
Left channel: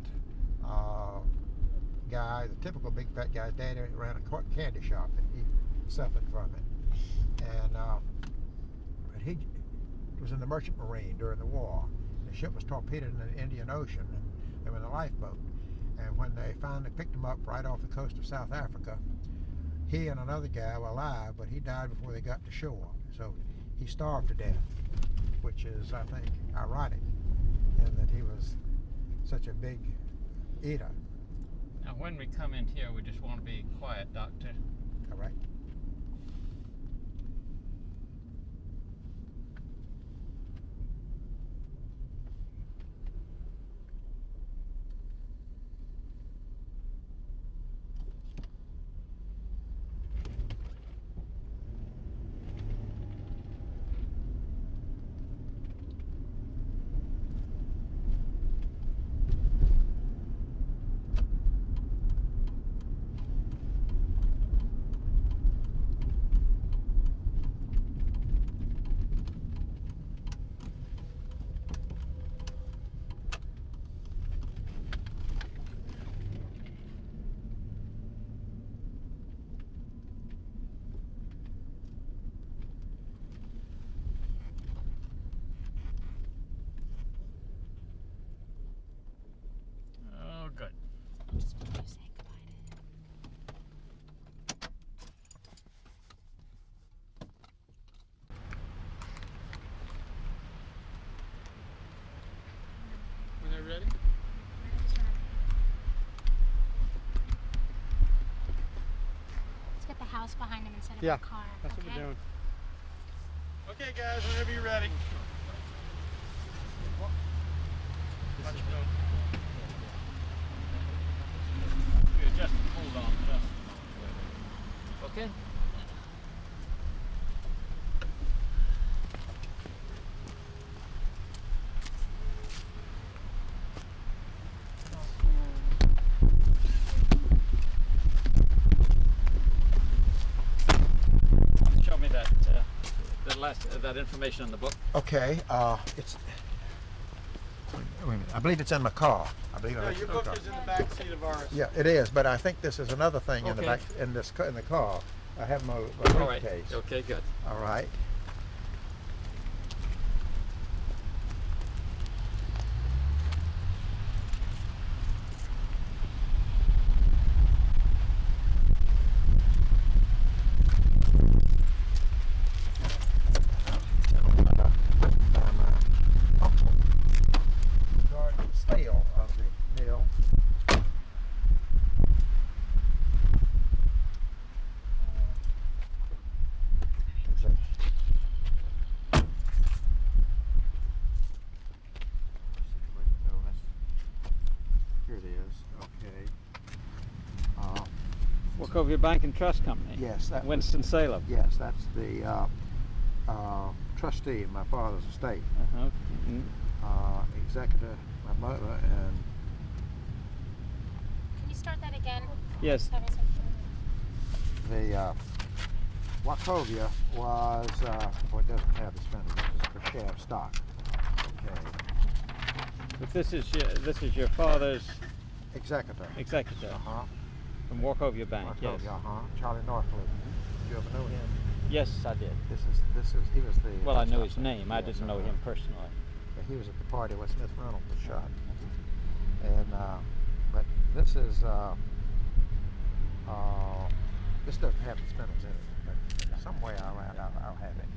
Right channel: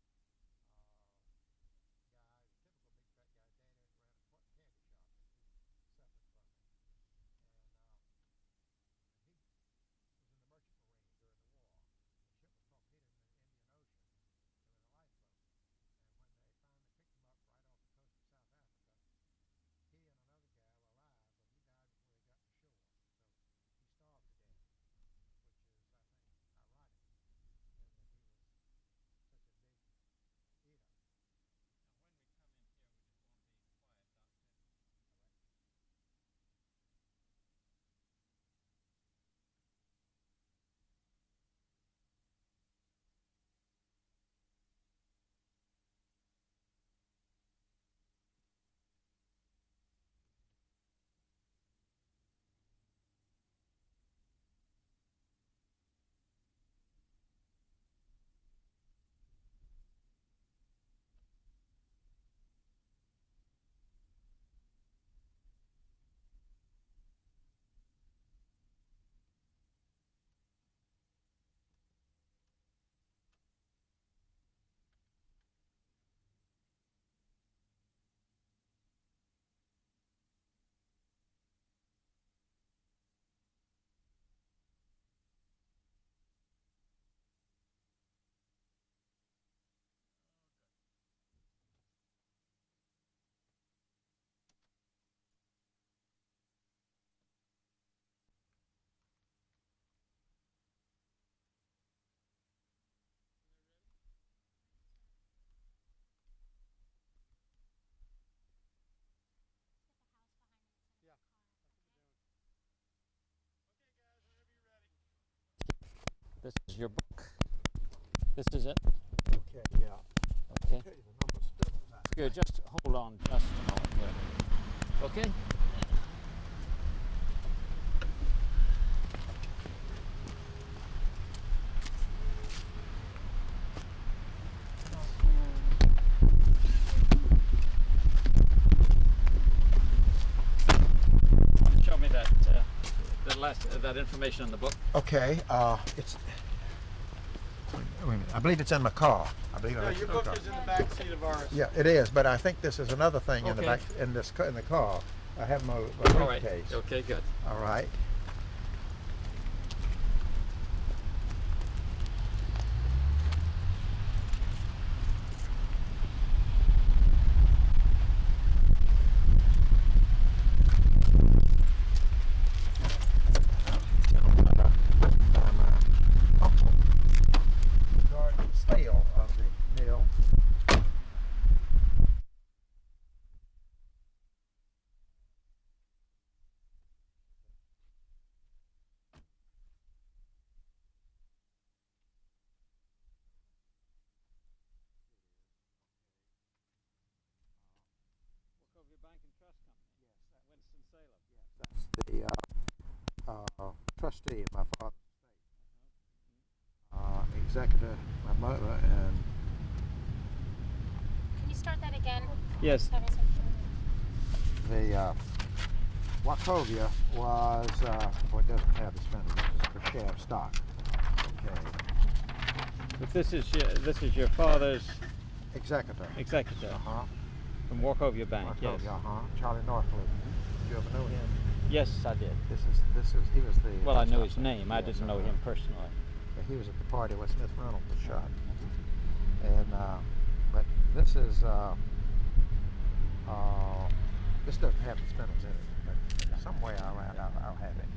guy, the typical big fat guy. His daddy ran a candy shop, and he suffered from it. And but he was in the Merchant Marine during the war. The ship was torpedoed in the Indian Ocean, and they were in a lifeboat. And when they finally picked him up right off the coast of South Africa, he and another guy were alive, but he died before they got to shore. So he starved to death, which is, I think, ironic, in that he was such a big eater. Now, when we come in here, we just want to be quiet, Doctor. Correct. Oh, good. Just before you say When they're ready? goodbye. Let's get the house behind him instead of Yeah, a car. That's what okay? we're doing. Okay, guys, whenever you're ready. This is your book. This is it. Good, just hold on just a moment. Okay? Show me that that information in the book. Okay, it's. Wait a minute. I believe it's in my car. I believe No, it's your in my book car. is in the back seat of ours. Yeah, it is, but I think this is another thing in the Okay. back in the car. I have my All right. briefcase. Okay, good. All right. Regarding the sale of the mill. Here it is. Okay. Wachovia Bank and Trust Company. Yes, that was- Winston-Salem. Yes, that's the trustee of my father's estate. Uh-huh. Mm. Executor, my mother, and Can you start that again? Yes. Having some- the Wachovia was, well, it doesn't have its fender, this is for share of stock. Okay. But this is your father's Executor. executor Uh-huh. from Wachovia Bank. Yes. Wachovia, uh-huh. Charlie Norfleet. Did you ever know him? Yes, I did. He was the. Well, I knew his shot. name. I Yes, didn't know him personally. Yeah, he was at the party where Smith Reynolds was shot. And but this is this doesn't have the spindles in it, but somewhere around I'll have it.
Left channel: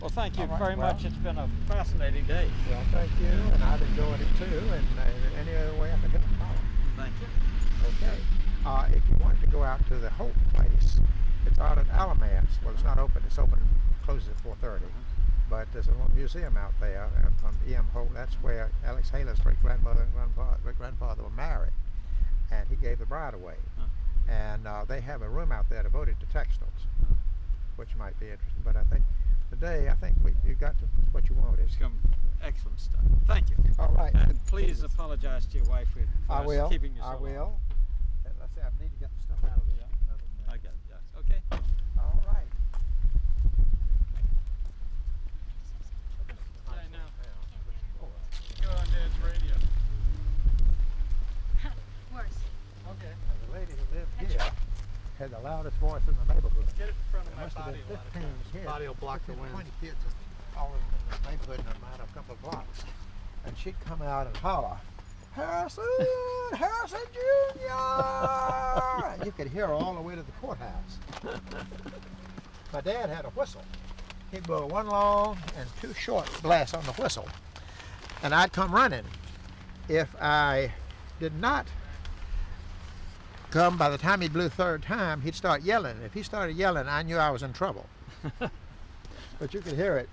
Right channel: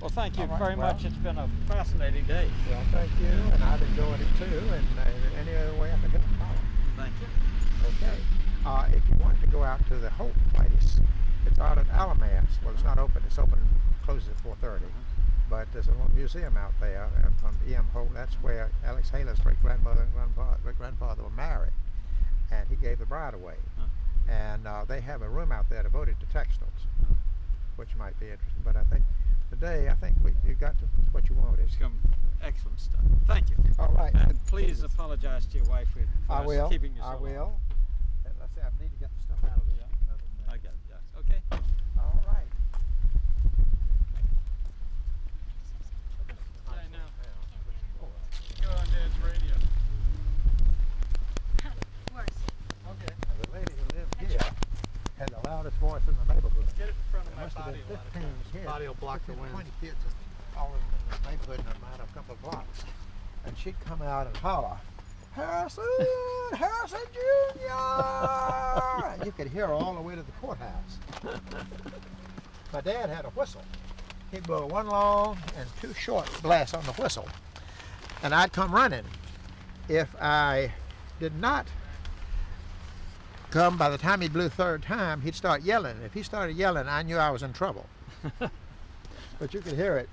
Well, thank you All right, very well. much. It's been a fascinating day. Well, thank you, and I've enjoyed it too. And any other way I can help, holler. Thank you. Okay. If you wanted to go out to the Holt place, it's out at Alamance. Well, it's not open. It's open, closes at 4:30. But there's a little museum out there from E.M. Holt. That's where Alex Haley's great-grandmother and great-grandfather were married. And he gave the bride away. And they have a room out there devoted to textiles, which might be interesting. But I think today, you got to what you wanted. Some excellent stuff. Thank you. All right. And please apologize to your wife for I us will. keeping you so I long. will. And let's see, I need to get the stuff out of there. I got it. Yes. Okay. All right. I know. Go on Dad's radio. Worse. Okay. The lady who lived here had the loudest voice in the neighborhood. Get it in front of There my must have body been a lot of 15 times. kids. Body will block the 15, wind. 20 kids all in the neighborhood in a matter of a couple of blocks. And she'd come out and holler, Harrison, Harrison Jr. And you could hear her all the way to the courthouse. My dad had a whistle. He'd blow one long and two short blasts on the whistle. And I'd come running. If I did not come, by the time he blew third time, he'd start yelling. If he started yelling, I knew I was in trouble. But you could hear it.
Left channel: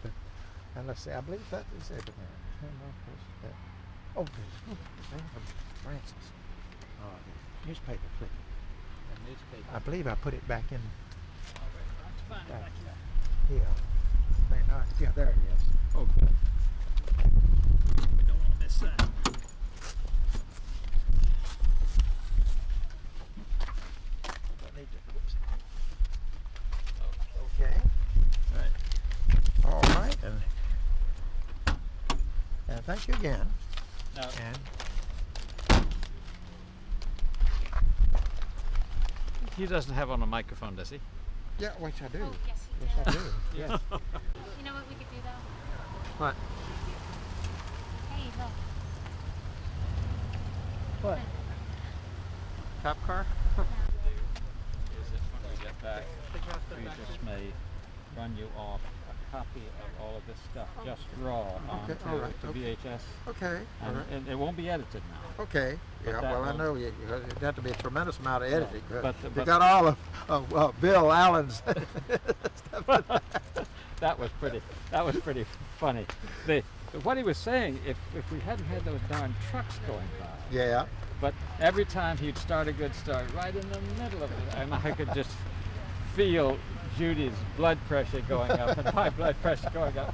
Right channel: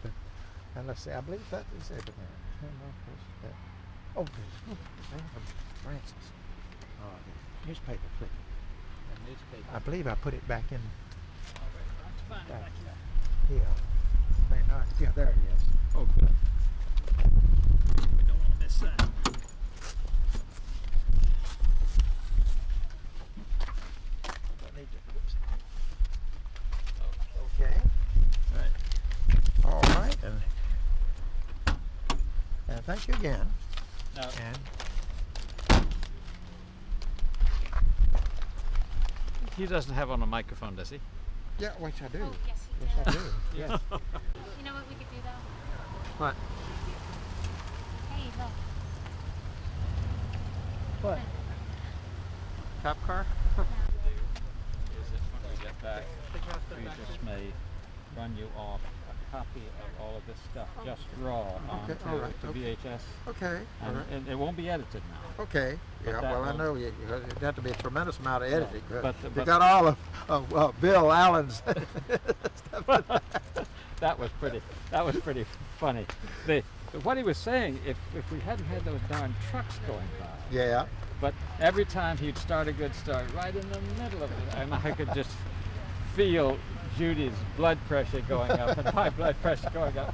And let's see, I believe that is it. Oh, Francis. Oh, the newspaper clipping. I believe I put it back in. Back here. Yeah, there it is. Oh, good. We don't want to miss that. Okay. Right. All right. And thank you again. Now, And he doesn't have on a microphone, does he? yeah, which I do. Oh, yes, he Yes, I does. do. Yes. You know what we could do though? What? Hey, look. What? Cop car? No. Is it when we get back? We just may run you off a copy of all of this stuff, just raw, onto all right, the okay. VHS, Okay. All right. and it won't be edited now. Okay. But Yeah. that Well, I will- know it'd have to be a tremendous amount of editing. but- you but- got all of Bill Allen's stuff. That was pretty funny. What he was saying, if we hadn't had those darn trucks going by, Yeah. but every time he'd start a good story, right in the middle of it, and I could just feel Judy's blood pressure going up and my blood pressure going up.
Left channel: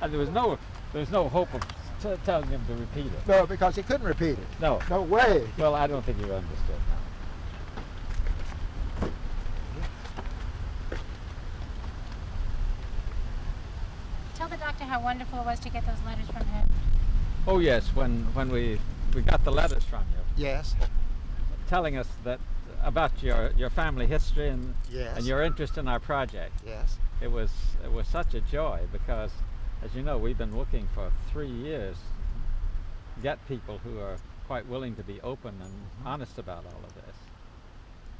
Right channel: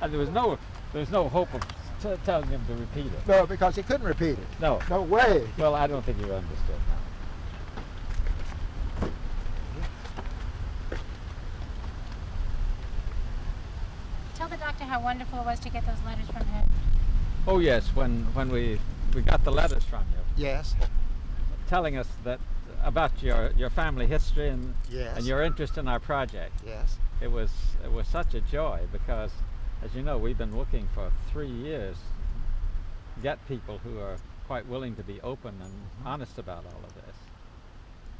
And there was no hope of telling him to repeat it. No, because he couldn't repeat it. No. No way. Well, I don't think you understood. Tell the doctor how wonderful it was to get those letters from him. Oh yes, when we got the letters from you, Yes. telling us that about your family history and Yes. and your interest in our project. Yes. It was such a joy because, as you know, we've been looking for 3 years to get people who are quite willing to be open and honest about all of this.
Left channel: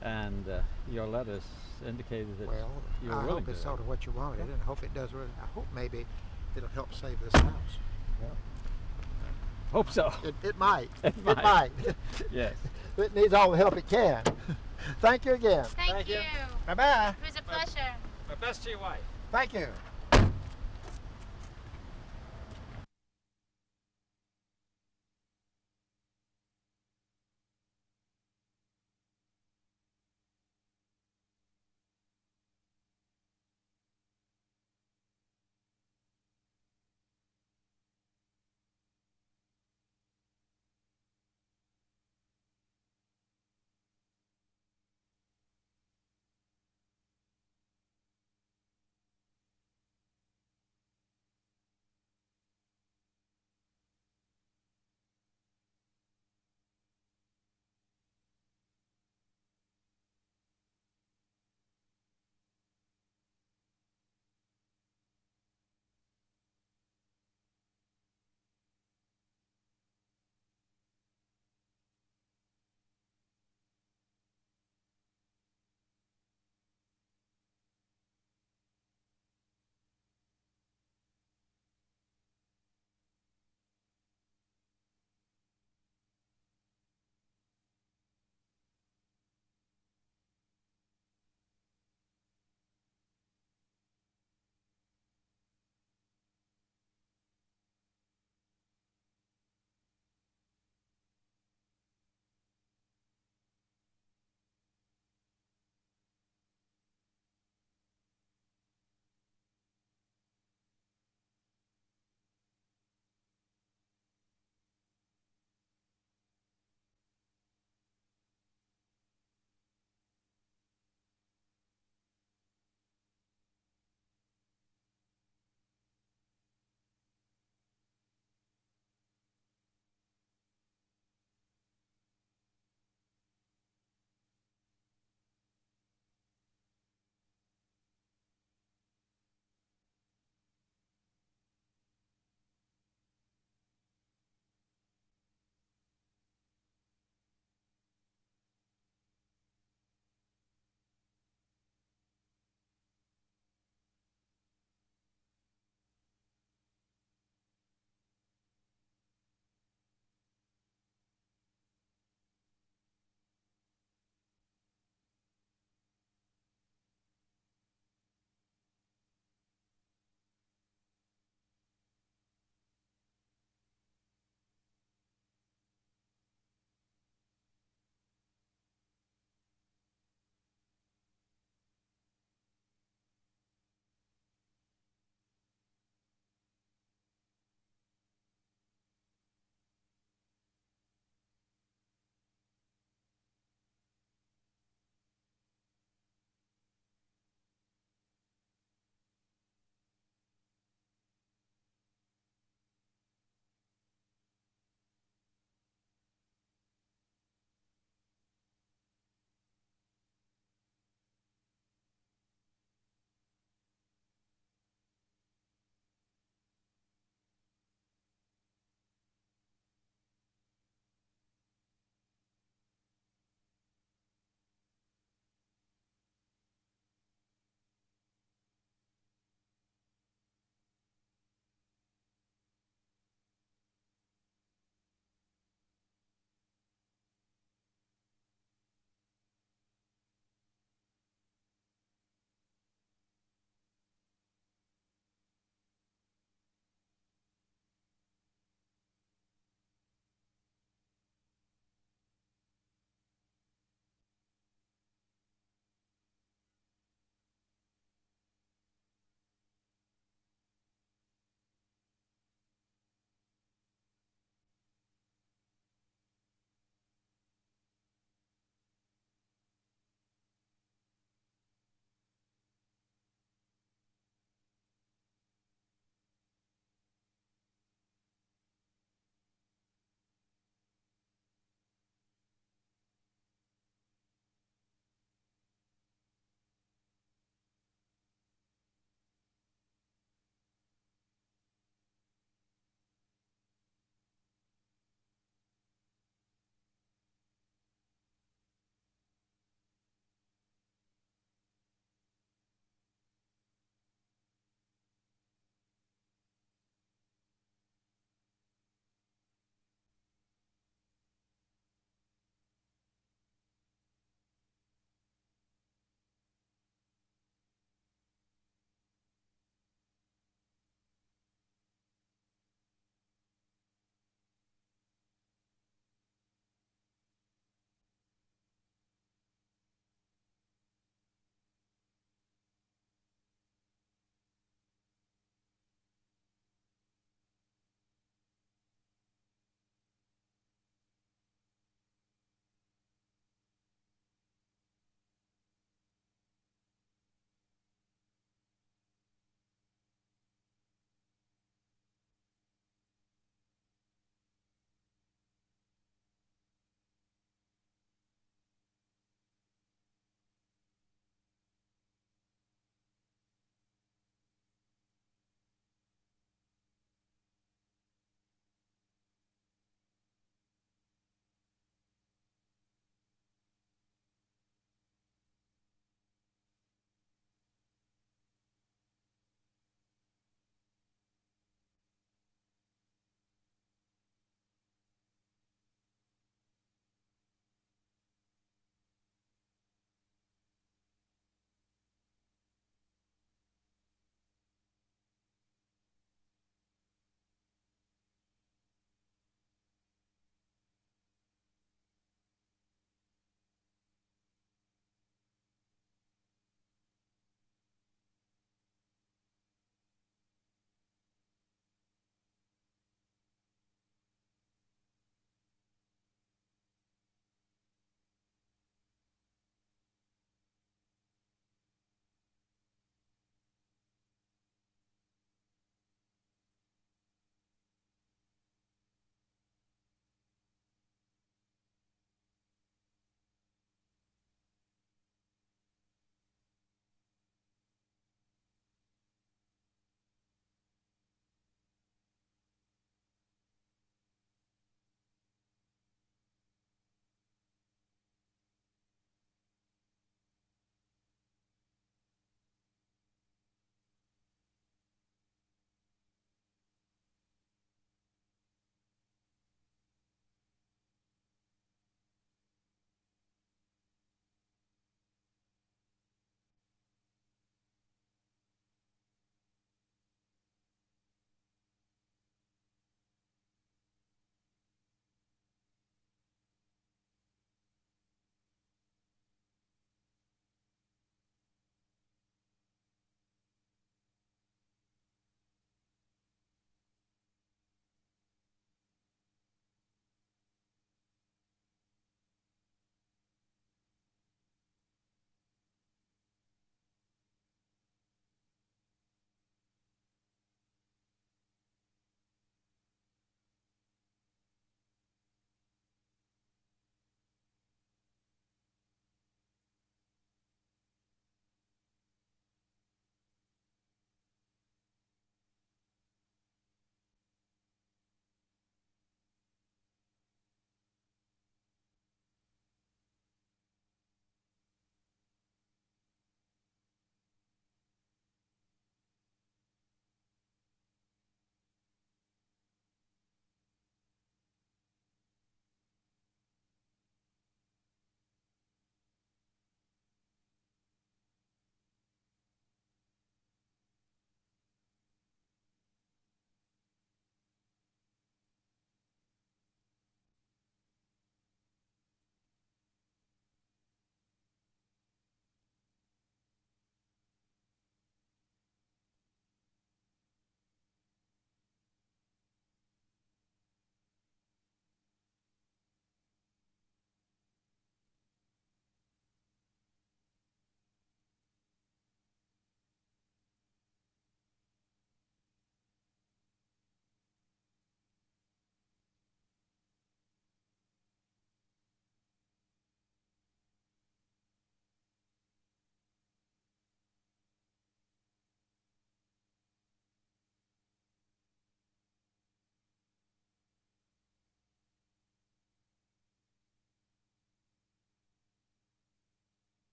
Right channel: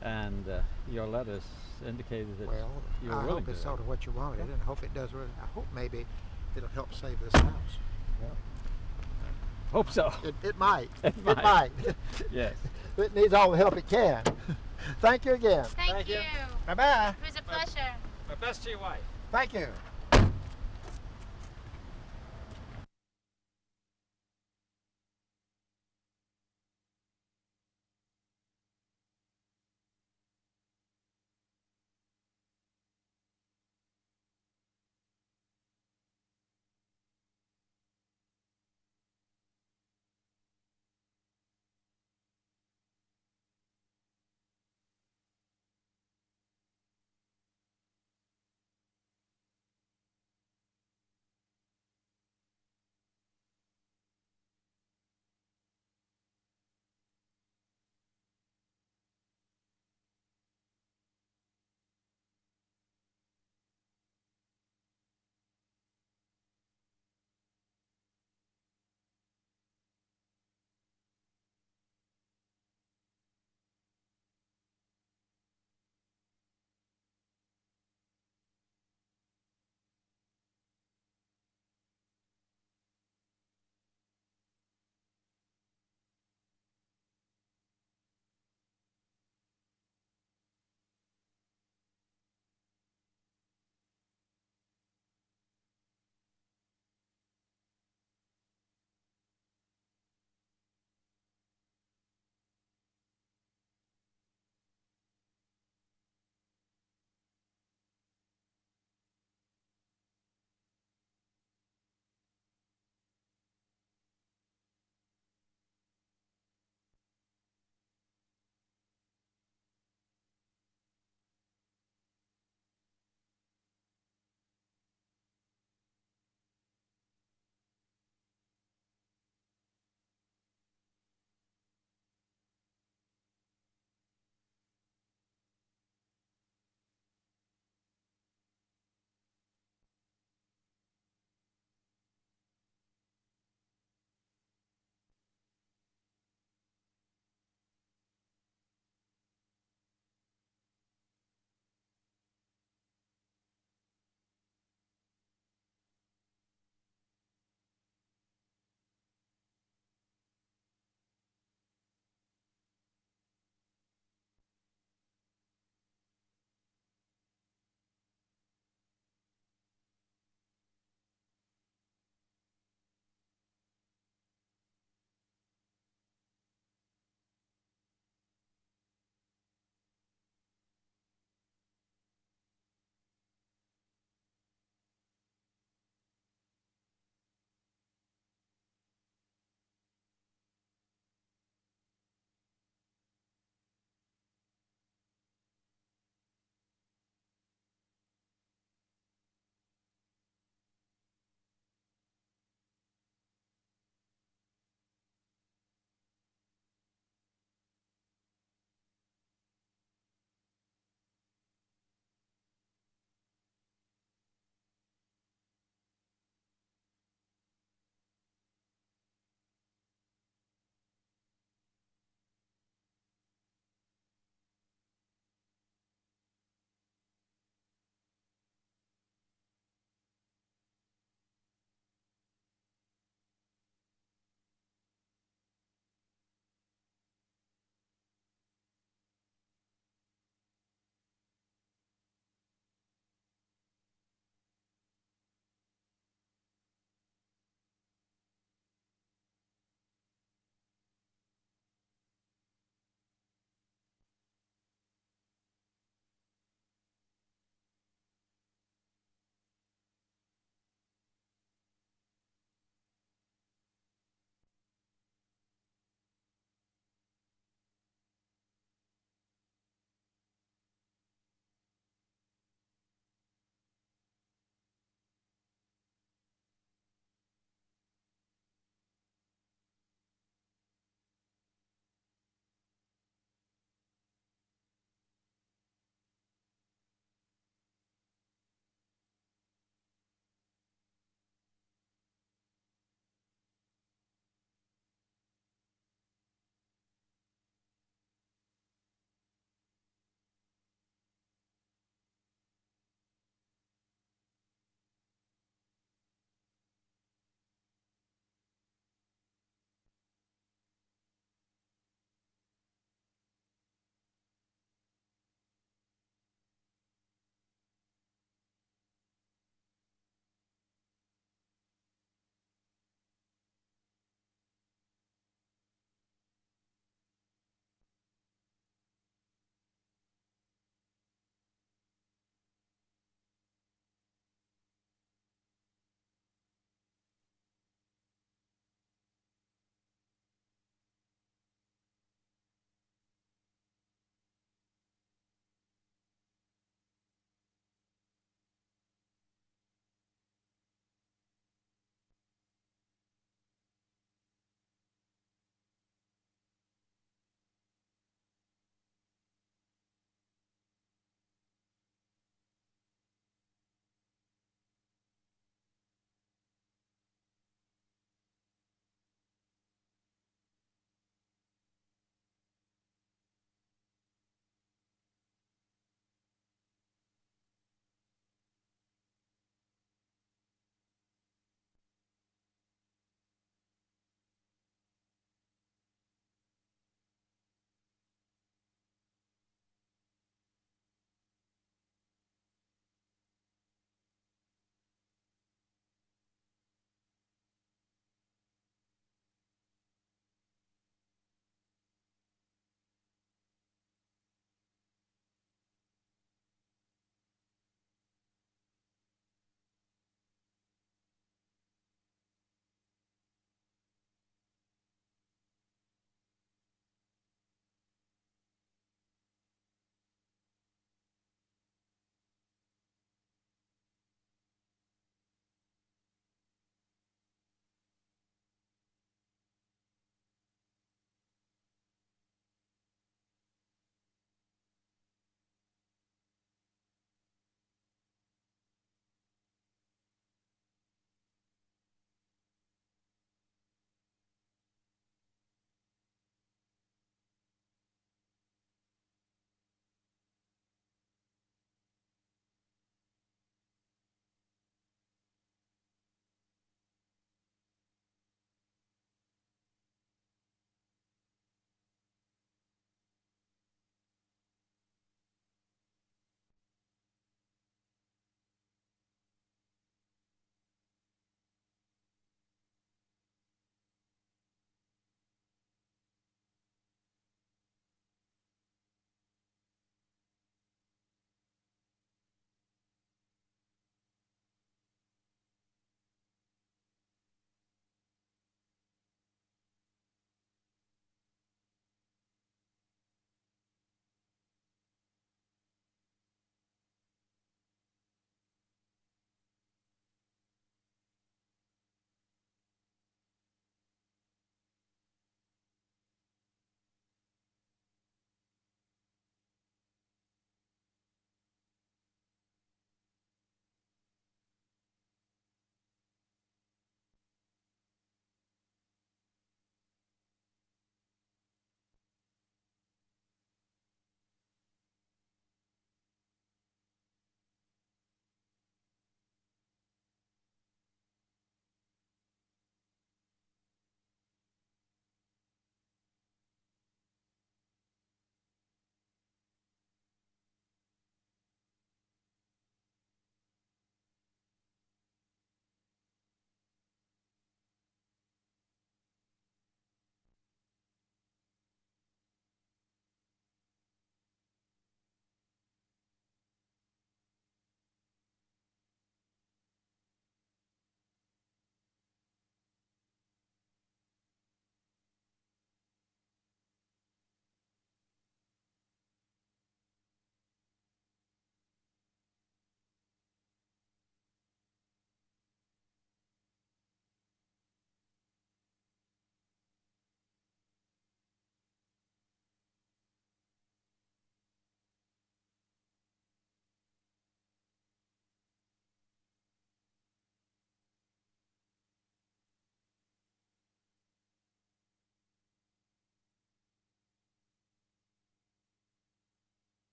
And your letters indicated that Well, you were I willing hope it's to. sort of what you wanted, and I hope it does. I hope maybe it'll help save this house. Hope so. It might. It might. Yes. It needs all the help it can. Thank you again. Thank you. Bye bye. It was a pleasure. My best to your wife. Thank you.